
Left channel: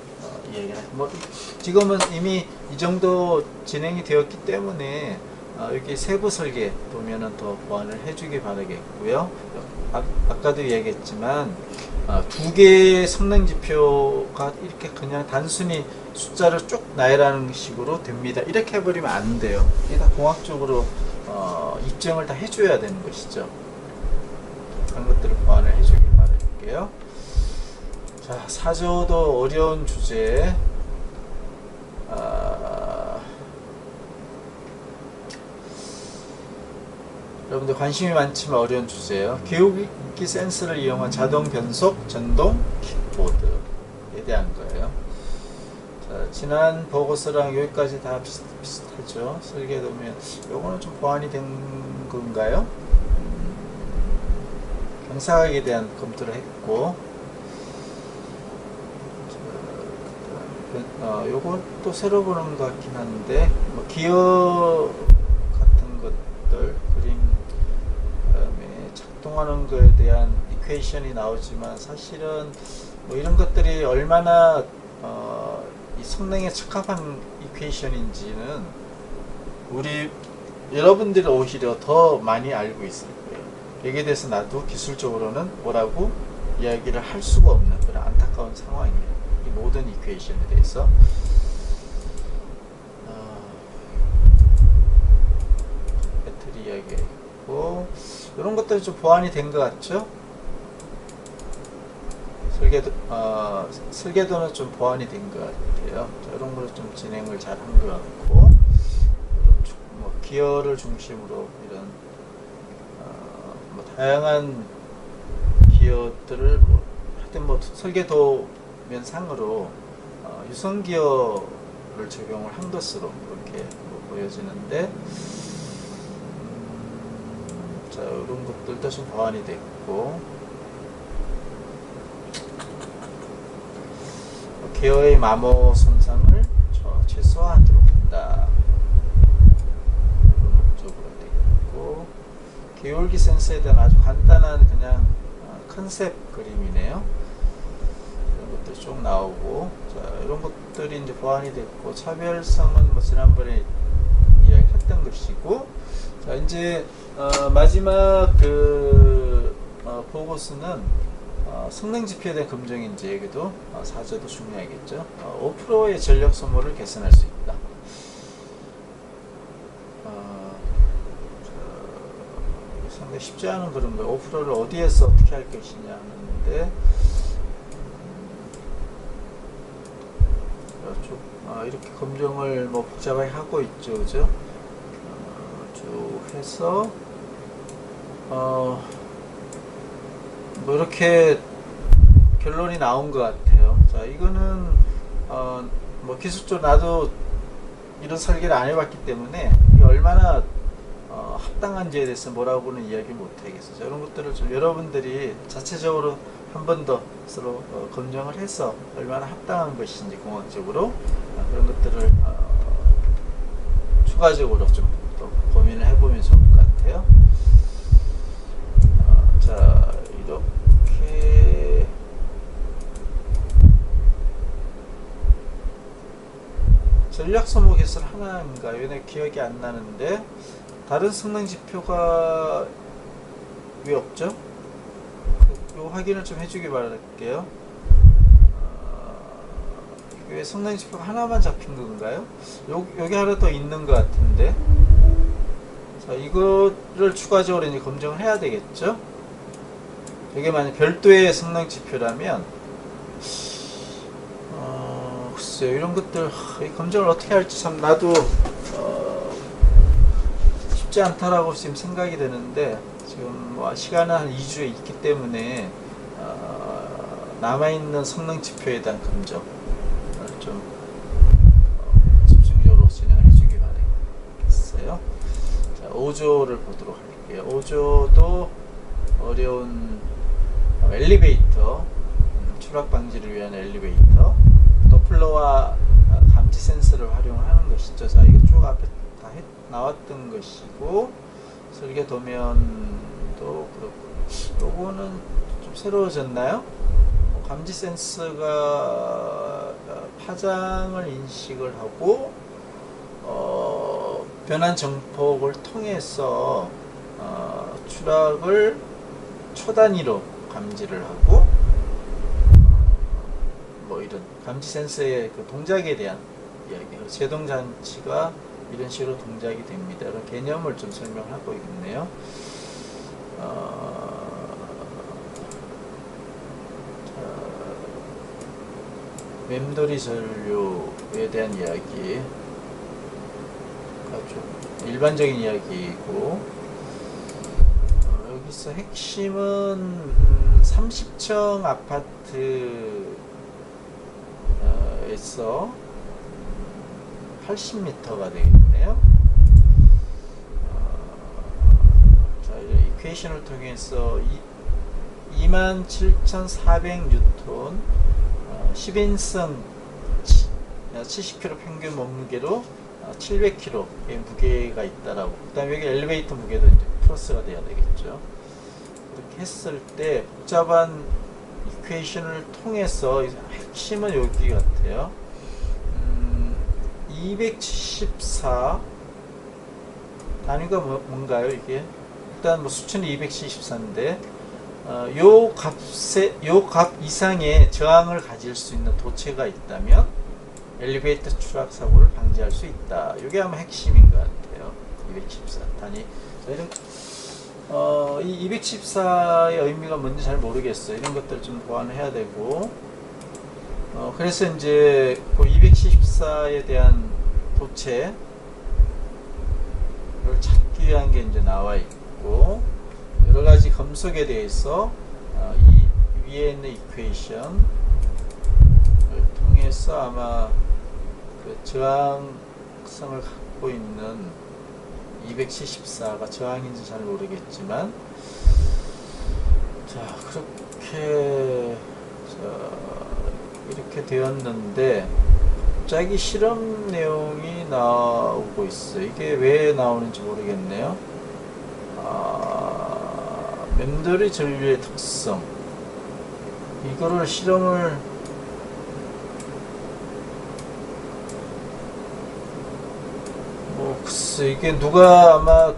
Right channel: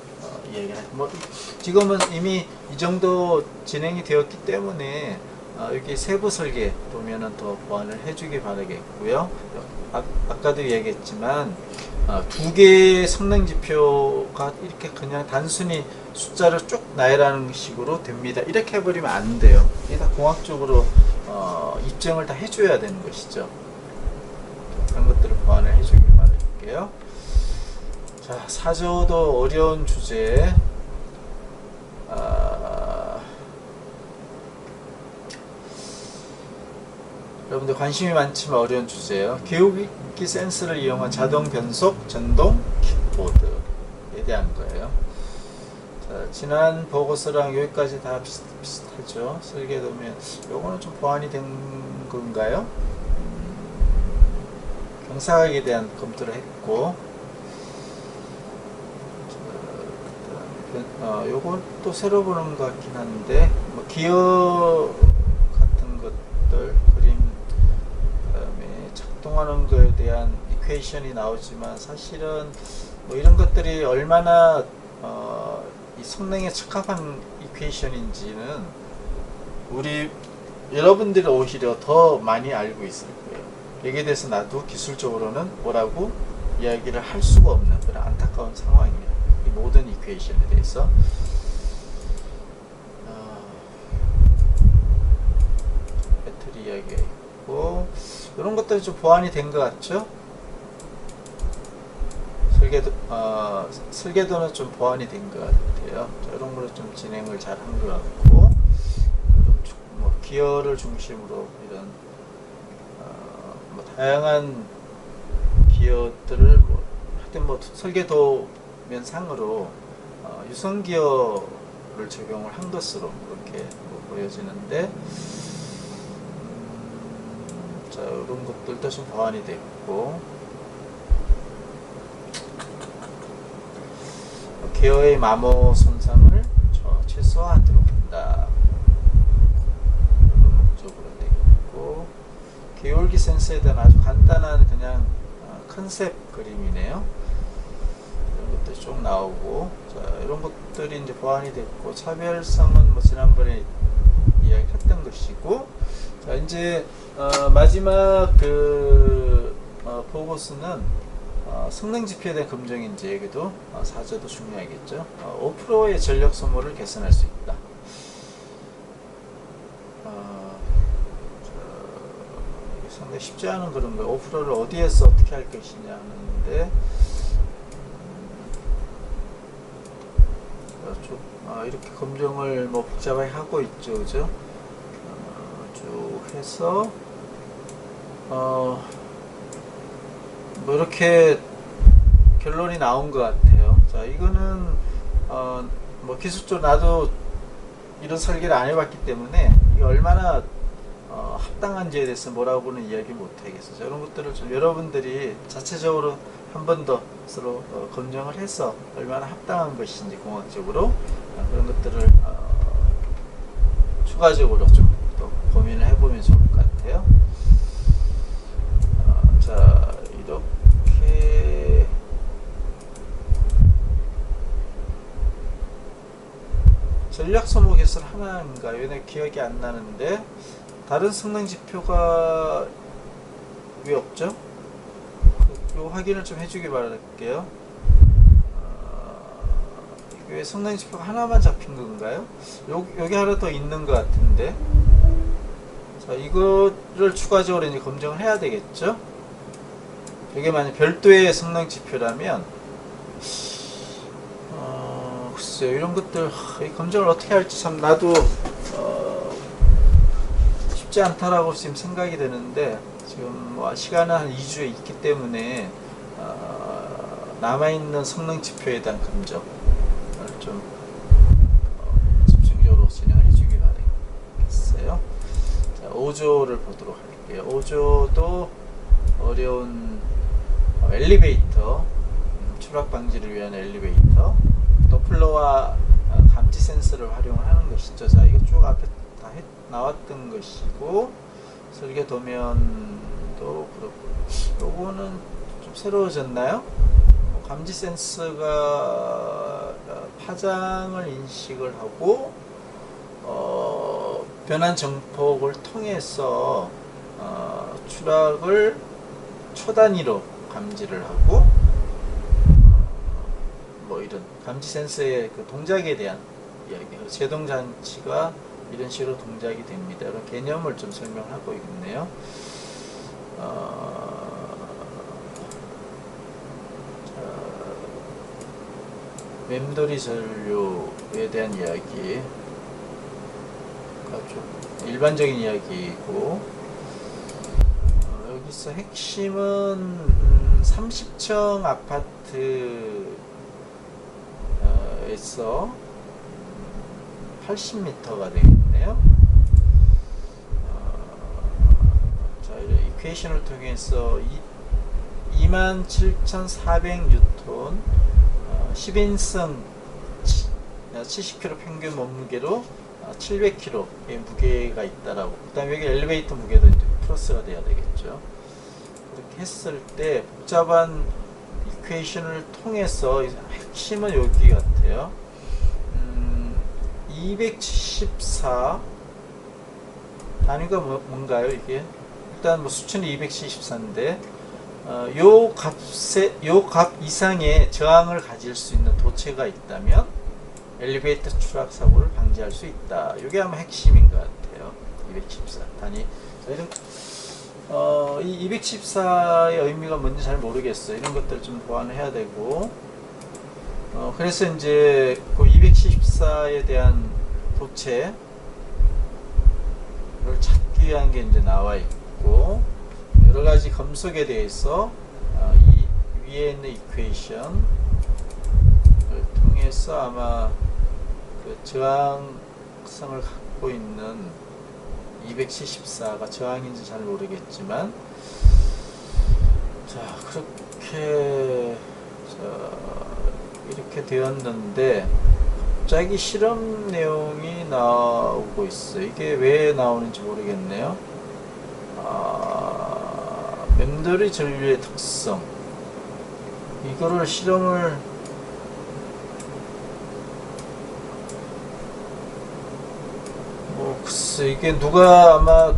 이야기를 뭐 지금은 이미 이 정도 진행이 되었기 때문에 여기 세부 설계 보면은 더 보완을 해주기 바라겠고요. 아까도 얘기했지만 두 개의 성능 지표가 이렇게 그냥 단순히 숫자를 쭉 나열하는 식으로 됩니다. 이렇게 해버리면 안 돼요. 이게 다 공학적으로 입증을 다 해줘야 되는 것이죠. 그런 것들을 보완을 해주길 바랄게요. 자, 4조도 어려운 주제. 여러분들 관심이 많지만 어려운 주제예요. 기울기 센서를 이용한 자동 변속 전동 킥보드에 대한 거예요. 자, 지난 보고서랑 여기까지 다 비슷하죠. 설계도면 요거는 좀 보완이 된 건가요? 경사각에 대한 검토를 했고, 요건 또 새로 보는 것 같긴 한데, 뭐 기어 같은 것들, 그림, 그다음에 작동하는 것에 대한 이퀘이션이 나오지만, 사실은 뭐 이런 것들이 얼마나 이 성능에 적합한 이퀘이션인지는 우리 여러분들이 오히려 더 많이 알고 있을 거예요. 여기에 대해서 나도 기술적으로는 뭐라고 이야기를 할 수가 없는 그런 안타까운 상황입니다. 이 모든 이퀘이션에 대해서. 배터리 이야기가 있고, 이런 것들이 좀 보완이 된 것 같죠? 설계도는 좀 보완이 된 것 같아요. 자, 이런 거를 좀 진행을 잘 한 것 같고, 뭐 기어를 중심으로 이런 뭐 다양한 기어들을 하여튼 뭐 설계도면상으로 유선 기어를 적용을 한 것으로 이렇게 보여지는데, 자, 이런 것들도 좀 보완이 됐고, 기어의 마모 손상을 최소화하도록 한다. 이런 목적으로 되겠고, 기울기 센서에 대한 아주 간단한 그냥 컨셉 그림이네요. 이런 것들이 쭉 나오고, 자, 이런 것들이 이제 보완이 됐고, 차별성은 뭐 지난번에 이야기했던 것이고, 자, 이제 마지막 보고서는 성능 지표에 대한 검증인지 여기도 사저도 중요하겠죠. 5%의 전력 소모를 개선할 수 있다. 이게 상당히 쉽지 않은 그런 거예요. 5%를 어디에서 어떻게 할 것이냐 하는데, 이렇게 검증을 뭐 복잡하게 하고 있죠, 그죠? 쭉 해서 뭐 이렇게 결론이 나온 것 같아요. 자, 이거는 뭐 기술적으로 나도 이런 설계를 안 해봤기 때문에 이게 얼마나 합당한지에 대해서 뭐라고는 이야기 못 하겠어요. 이런 것들을 좀 여러분들이 자체적으로 한 번 더 서로 검증을 해서 얼마나 합당한 것인지 공학적으로 그런 것들을 추가적으로 좀 더 고민을 해보면 좋을 것 같아요. 자, 이렇게 전력 소모 개선 하나인가요? 내 기억이 안 나는데 다른 성능 지표가 왜 없죠? 요 확인을 좀 해주기 바랄게요. 이게 성능 지표가 하나만 잡힌 건가요? 여기 하나 더 있는 것 같은데. 자, 이거를 추가적으로 이제 검증을 해야 되겠죠? 이게 만약 별도의 성능 지표라면, 글쎄요, 이런 것들, 이 검증을 어떻게 할지 참 나도, 쉽지 않다라고 지금 생각이 되는데, 지금 뭐 시간은 한 2주에 있기 때문에, 남아있는 성능 지표에 대한 검증을 좀, 집중적으로 진행을 해주기 바라겠어요. 자, 5조를 보도록 할게요. 5조도 어려운 엘리베이터, 추락 방지를 위한 엘리베이터, 도플러와 감지 센서를 활용하는 것이죠. 자, 이거 쭉 앞에 다 나왔던 것이고, 설계 도면도 그렇고, 요거는 좀 새로워졌나요? 감지 센서가 파장을 인식을 하고, 변환 정폭을 통해서 추락을 초단위로 감지를 하고, 뭐 이런 감지 센서의 그 동작에 대한 이야기, 제동 장치가 이런 식으로 동작이 됩니다. 이런 개념을 좀 설명하고 있네요. 맴돌이 전류에 대한 이야기가 좀 일반적인 이야기이고, 여기서 핵심은 30층 아파트에서 80m가 되겠네요. 자, 이퀘이션을 통해서 27,400N 10인승 70kg 평균 몸무게로 700kg의 무게가 있다라고. 그 다음에 여기 엘리베이터 무게도 이제 플러스가 돼야 되겠죠. 그렇게 했을 때 복잡한 이퀘이션을 통해서 핵심은 여기 같아요. 274 단위가 뭔가요 이게? 일단 뭐 수치는 274인데 요 값 이상의 저항을 가질 수 있는 도체가 있다면 엘리베이터 추락 사고를 방지할 수 있다. 이게 아마 핵심인 것 같아요. 274 단위. 이 214의 의미가 뭔지 잘 모르겠어요. 이런 것들 좀 보완해야 되고, 그래서 이제 그 274에 대한 도체를 찾기 위한 게 이제 나와 있고, 여러 가지 검속에 대해서 이 위에 있는 이퀘이션을 통해서 아마 그 저항 특성을 갖고 있는 274가 저항인지 잘 모르겠지만, 자 그렇게 이렇게 되었는데 갑자기 실험 내용이 나오고 있어요. 이게 왜 나오는지 모르겠네요. 맴돌이 전류의 특성, 이거를 실험을 글쎄 이게 누가 아마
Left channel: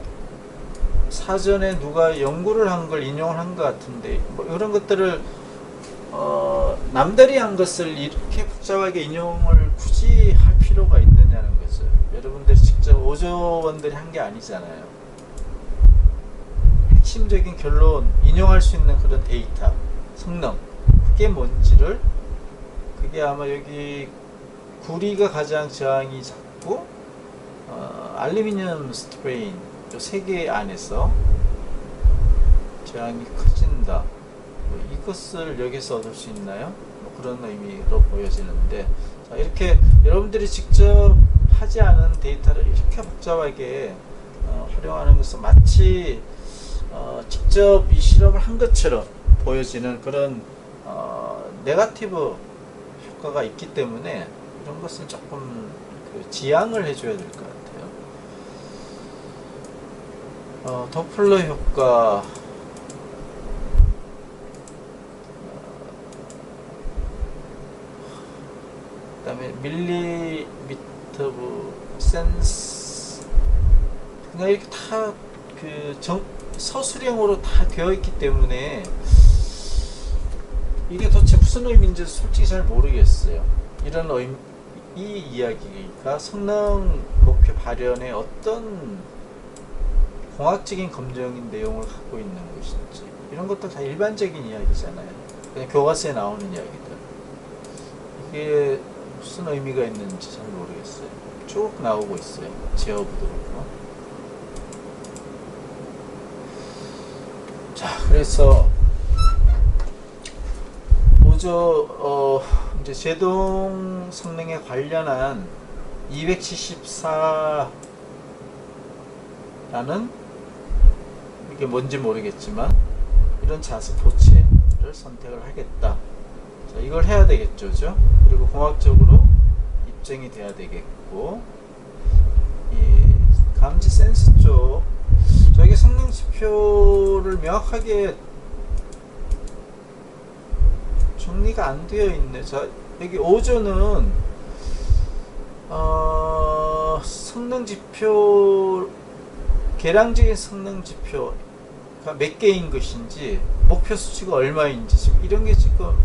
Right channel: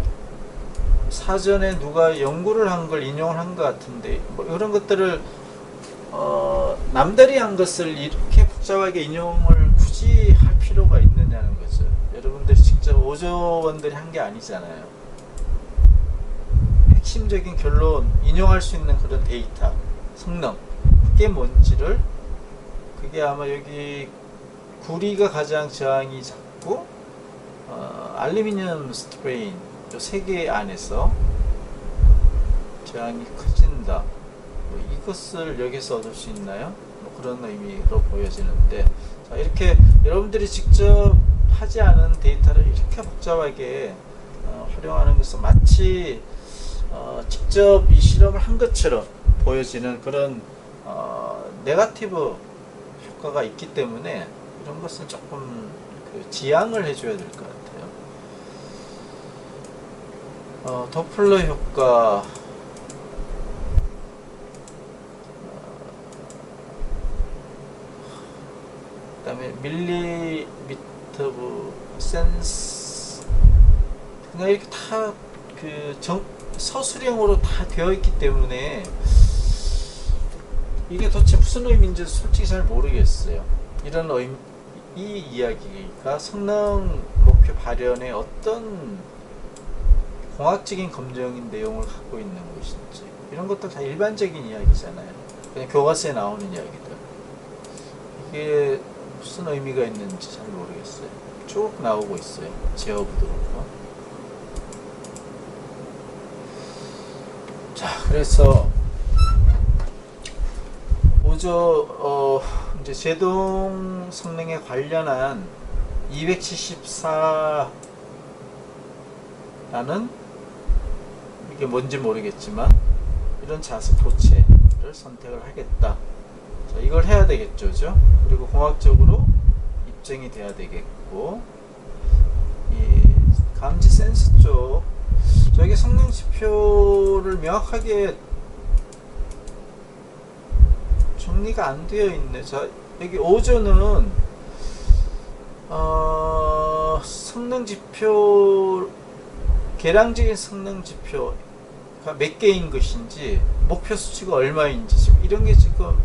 사전에 누가 연구를 한 걸 인용을 한 것 같은데, 뭐 이런 것들을 남들이 한 것을 이렇게 복잡하게 인용을 굳이 할 필요가 있느냐는 거죠. 여러분들이 직접 오조원들이 한 게 아니잖아요. 핵심적인 결론, 인용할 수 있는 그런 데이터, 성능, 그게 뭔지를, 그게 아마 여기 구리가 가장 저항이 작고 알루미늄 스트레인 요 세 개 안에서 저항이 커진다. 뭐 이것을 여기서 얻을 수 있나요? 뭐 그런 의미로 보여지는데, 자, 이렇게 여러분들이 직접 하지 않은 데이터를 이렇게 복잡하게 활용하는 것은 마치 직접 이 실험을 한 것처럼 보여지는 그런 네거티브 효과가 있기 때문에 이런 것은 조금 지양을 해줘야 될 것 같아요. 도플러 효과, 그 다음에 밀리미터 센스, 그냥 이렇게 다 서술형으로 다 되어 있기 때문에 이게 도대체 무슨 의미인지 솔직히 잘 모르겠어요. 이런 이 이야기가 성능 목표 발현에 어떤 공학적인 검증인 내용을 갖고 있는 것인지, 이런 것도 다 일반적인 이야기잖아요. 그냥 교과서에 나오는 이야기들. 이게 무슨 의미가 있는지 잘 모르겠어요. 쭉 나오고 있어요. 제어부도 그렇고. 자, 그래서 이제 제동 성능에 관련한 274라는, 이게 뭔지 모르겠지만 이런 자습 도체를 선택을 하겠다. 자, 이걸 해야 되겠죠, 그죠? 그리고 공학적으로 입증이 돼야 되겠고, 이 감지 센스 쪽, 저기 성능 지표를 명확하게 정리가 안 되어 있네. 자, 여기 오조는 성능 지표, 계량적인 성능 지표가 몇 개인 것인지, 목표 수치가 얼마인지, 지금 이런 게 지금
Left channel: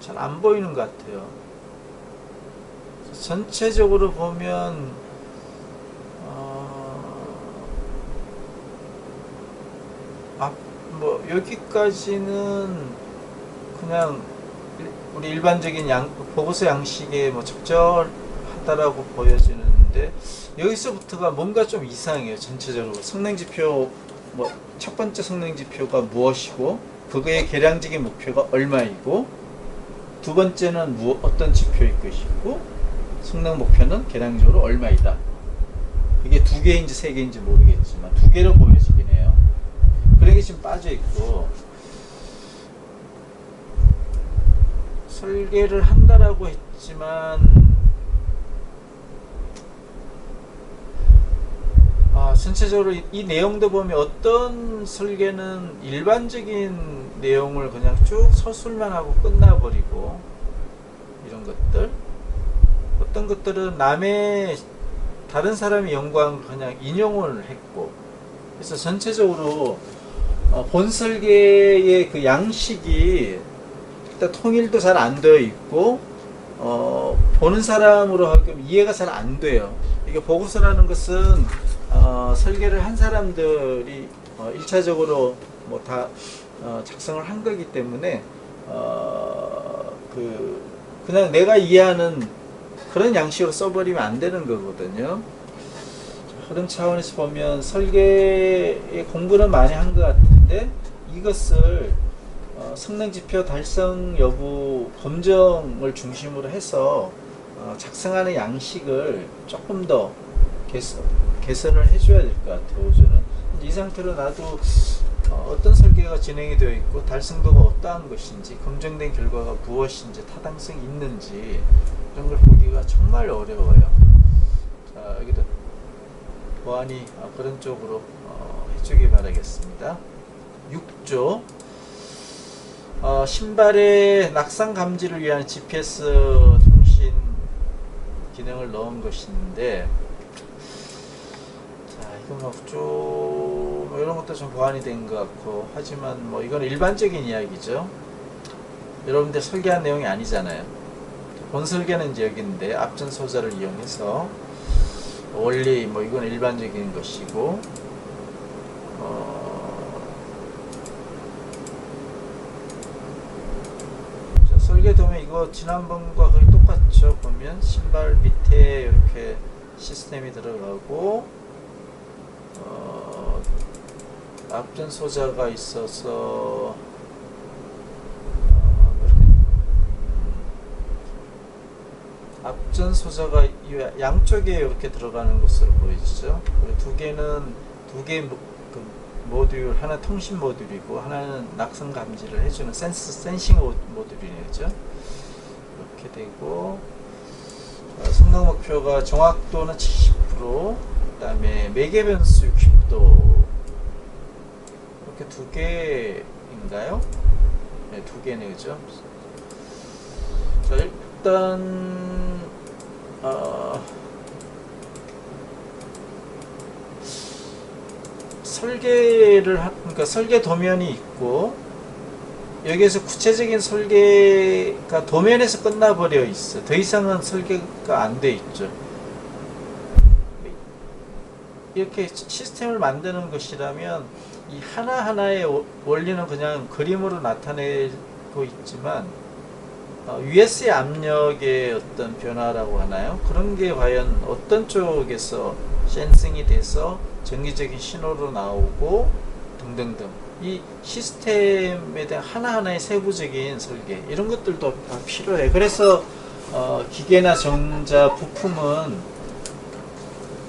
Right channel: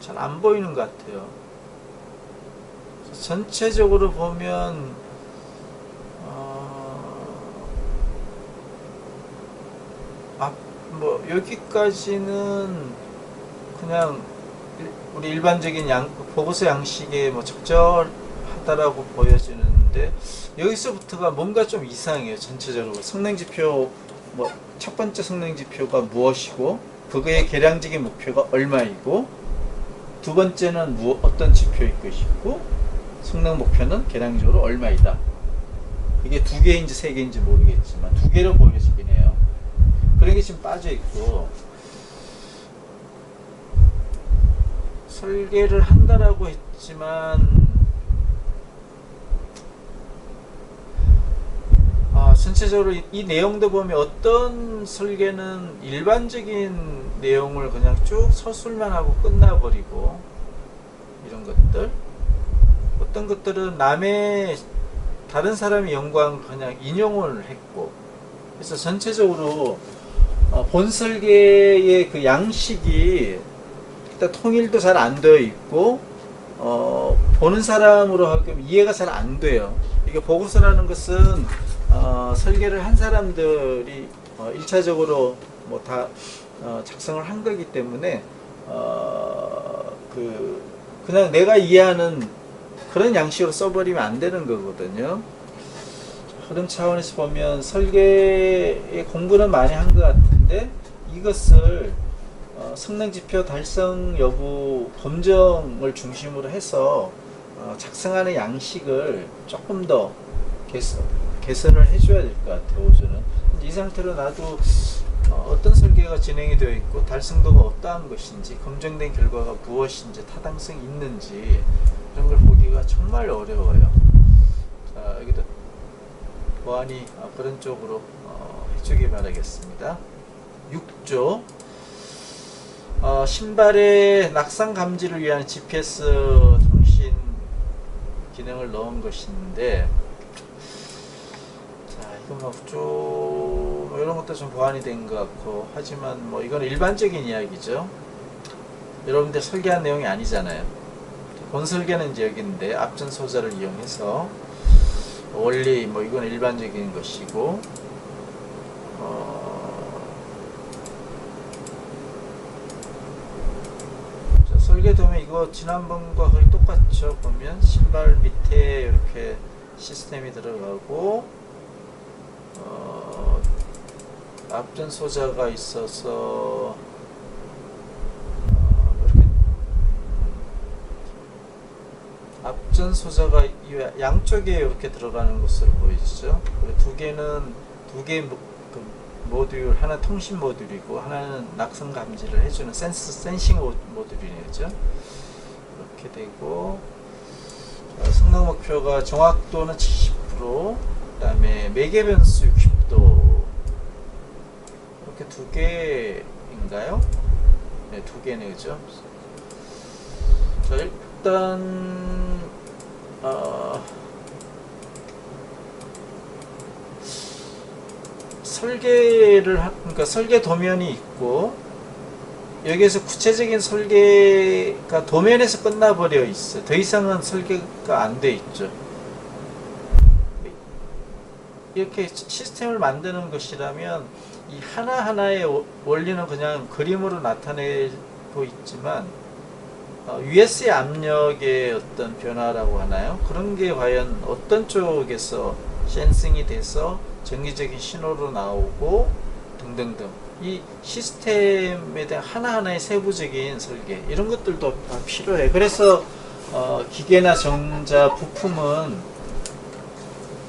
잘 안 보이는 것 같아요. 전체적으로 보면 뭐 여기까지는 그냥 우리 일반적인 보고서 양식에 뭐 적절하다라고 보여지는데, 여기서부터가 뭔가 좀 이상해요. 전체적으로 성능지표, 뭐 첫 번째 성능지표가 무엇이고 그거의 계량적인 목표가 얼마이고, 두 번째는 어떤 지표일 것이고, 성능 목표는 계량적으로 얼마이다. 그게 두 개인지 세 개인지 모르겠지만 두 개로 보여지긴 해요. 그런 게 지금 빠져 있고, 설계를 한다라고 했지만 전체적으로 이 내용도 보면 어떤 설계는 일반적인 내용을 그냥 쭉 서술만 하고 끝나버리고, 이런 것들, 어떤 것들은 다른 사람이 연구한 걸 그냥 인용을 했고, 그래서 전체적으로 본 설계의 그 양식이 일단 통일도 잘 안 되어 있고, 보는 사람으로 하기엔 이해가 잘 안 돼요. 이게 보고서라는 것은 설계를 한 사람들이 1차적으로 뭐 다 작성을 한 거기 때문에 그냥 내가 이해하는 그런 양식으로 써버리면 안 되는 거거든요. 그런 차원에서 보면 설계의 공부는 많이 한 것 같은데, 이것을 성능지표 달성 여부 검증을 중심으로 해서 작성하는 양식을 조금 더 개선을 해줘야 될 것 같아요. 오전은 이 상태로 놔도 어떤 설계가 진행이 되어 있고 달성도가 어떠한 것인지, 검증된 결과가 무엇인지, 타당성이 있는지 이런 걸 보기가 정말 어려워요. 자, 여기도 보안이 그런 쪽으로 해주기 바라겠습니다. 6조 신발의 낙상 감지를 위한 GPS 통신 기능을 넣은 것인데, 자, 이거 뭐 이런 것도 좀 보완이 된 것 같고, 하지만 뭐 이건 일반적인 이야기죠. 여러분들 설계한 내용이 아니잖아요. 본 설계는 이제 여기인데 앞전 소자를 이용해서 원리 뭐 이건 일반적인 것이고, 설계 도면 이거 지난번과 거의 똑같죠. 보면 신발 밑에 이렇게 시스템이 들어가고 앞전 소자가 있어서 이렇게 앞전 소자가 양쪽에 이렇게 들어가는 것으로 보이죠. 그리고 두 개 모듈, 하나 통신 모듈이고 하나는 낙성 감지를 해주는 센싱 모듈이죠. 이렇게 되고 성능 목표가 정확도는 70%, 그다음에 매개 변수 60도, 이렇게 두 개인가요? 네, 두 개네, 그죠? 자, 일단 그러니까 설계 도면이 있고, 여기에서 구체적인 설계가 도면에서 끝나버려 있어. 더 이상은 설계가 안 돼 있죠. 이렇게 시스템을 만드는 것이라면 이 하나하나의 원리는 그냥 그림으로 나타내고 있지만, US의 압력의 어떤 변화라고 하나요? 그런 게 과연 어떤 쪽에서 센싱이 돼서 정기적인 신호로 나오고 등등등, 이 시스템에 대한 하나하나의 세부적인 설계, 이런 것들도 다 필요해. 그래서 기계나 전자 부품은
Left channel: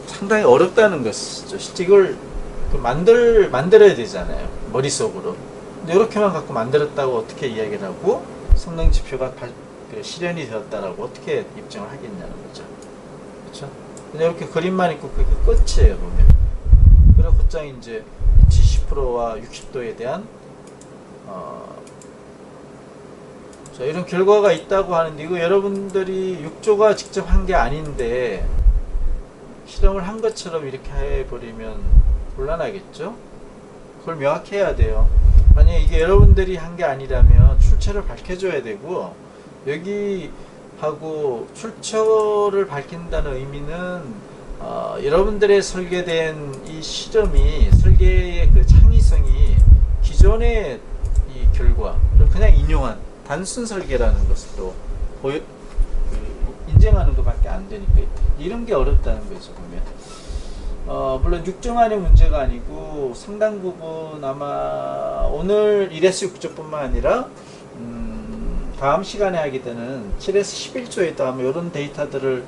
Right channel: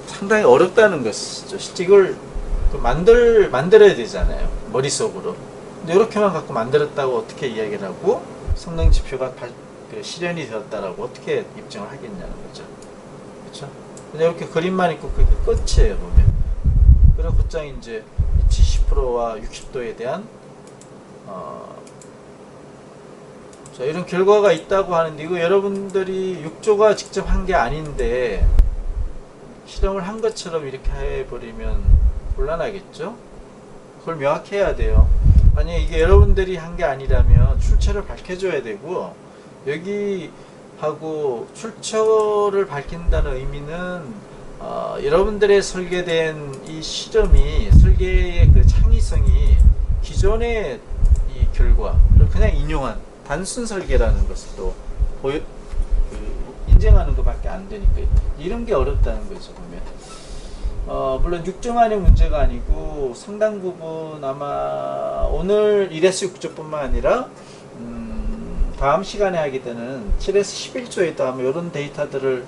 상당히 어렵다는 것이죠. 실제 이걸 만들어야 되잖아요, 머릿속으로. 근데 이렇게만 갖고 만들었다고 어떻게 이야기를 하고 성능 지표가 실현이 되었다라고 어떻게 입증을 하겠냐는 거죠. 그렇죠? 그냥 이렇게 그림만 있고 그게 끝이에요, 보면. 그리고 곧장 이제 70%와 60도에 대한 자, 이런 결과가 있다고 하는데, 이거 여러분들이 6조가 직접 한 게 아닌데 실험을 한 것처럼 이렇게 해버리면 곤란하겠죠? 그걸 명확해야 돼요. 만약에 이게 여러분들이 한 게 아니라면 출처를 밝혀줘야 되고, 여기 하고 출처를 밝힌다는 의미는 여러분들의 설계된 이 실험이, 설계의 그 창의성이 기존의 이 결과를 그냥 인용한 단순 설계라는 것을 또 인정하는 것밖에 안 되니까 이런 게 어렵다는 거죠, 보면. 물론 6조만의 문제가 아니고 상당 부분 아마 오늘 1에서 6조뿐만 아니라 다음 시간에 하게 되는 7에서 11조에도 아마 이런 데이터들을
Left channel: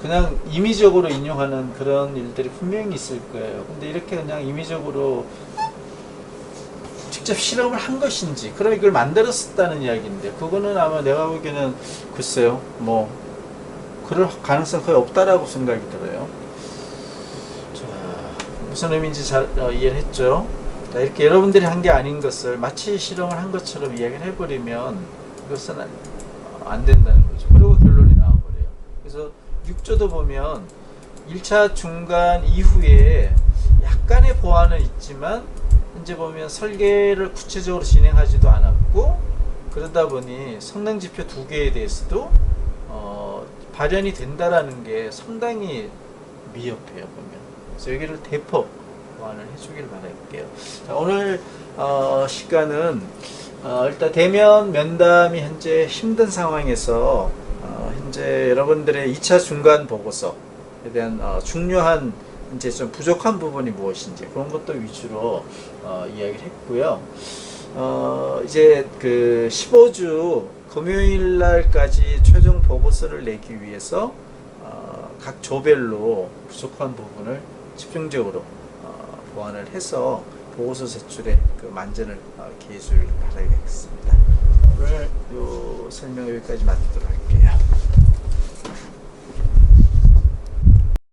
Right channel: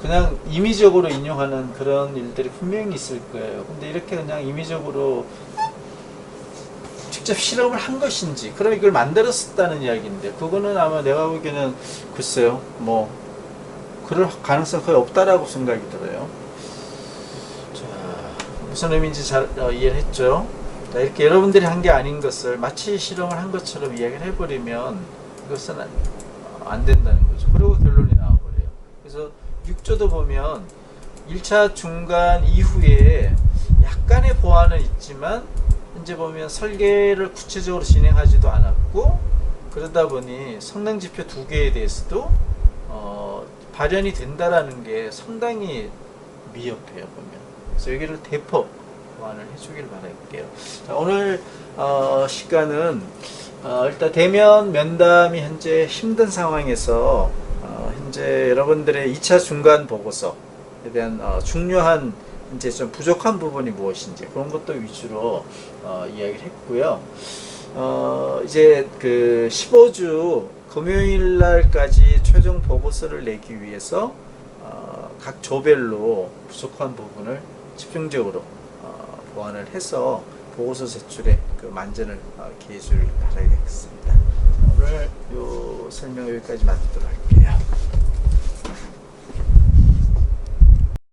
그냥 임의적으로 인용하는 그런 일들이 분명히 있을 거예요. 근데 이렇게 그냥 임의적으로 직접 실험을 한 것인지, 그럼 이걸 만들었다는 이야기인데, 그거는 아마 내가 보기에는 글쎄요, 뭐 그럴 가능성 거의 없다라고 생각이 들어요. 자, 무슨 의미인지 잘 이해를 했죠? 자, 이렇게 여러분들이 한 게 아닌 것을 마치 실험을 한 것처럼 이야기를 해버리면 이것은 안 된다는 거죠. 그리고 결론이 나와버려요. 그래서 6조도 보면 1차 중간 이후에 약간의 보완은 있지만 현재 보면 설계를 구체적으로 진행하지도 않았고, 그러다 보니 성능 지표 두 개에 대해서도 발현이 된다라는 게 상당히 미흡해요, 보면. 그래서 여기를 대폭 보완을 해주길 바랄게요. 자, 오늘 시간은 일단 대면 면담이 현재 힘든 상황에서 현재 여러분들의 2차 중간 보고서에 대한 중요한 이제 좀 부족한 부분이 무엇인지 그런 것도 위주로 이야기를 했고요. 이제 그 15주 금요일 날까지 최종 보고서를 내기 위해서 각 조별로 부족한 부분을 집중적으로 보완을 해서 보고서 제출에 그 만전을 기해 줄 바라겠습니다. 오늘 요 설명 여기까지 마치도록 할게요.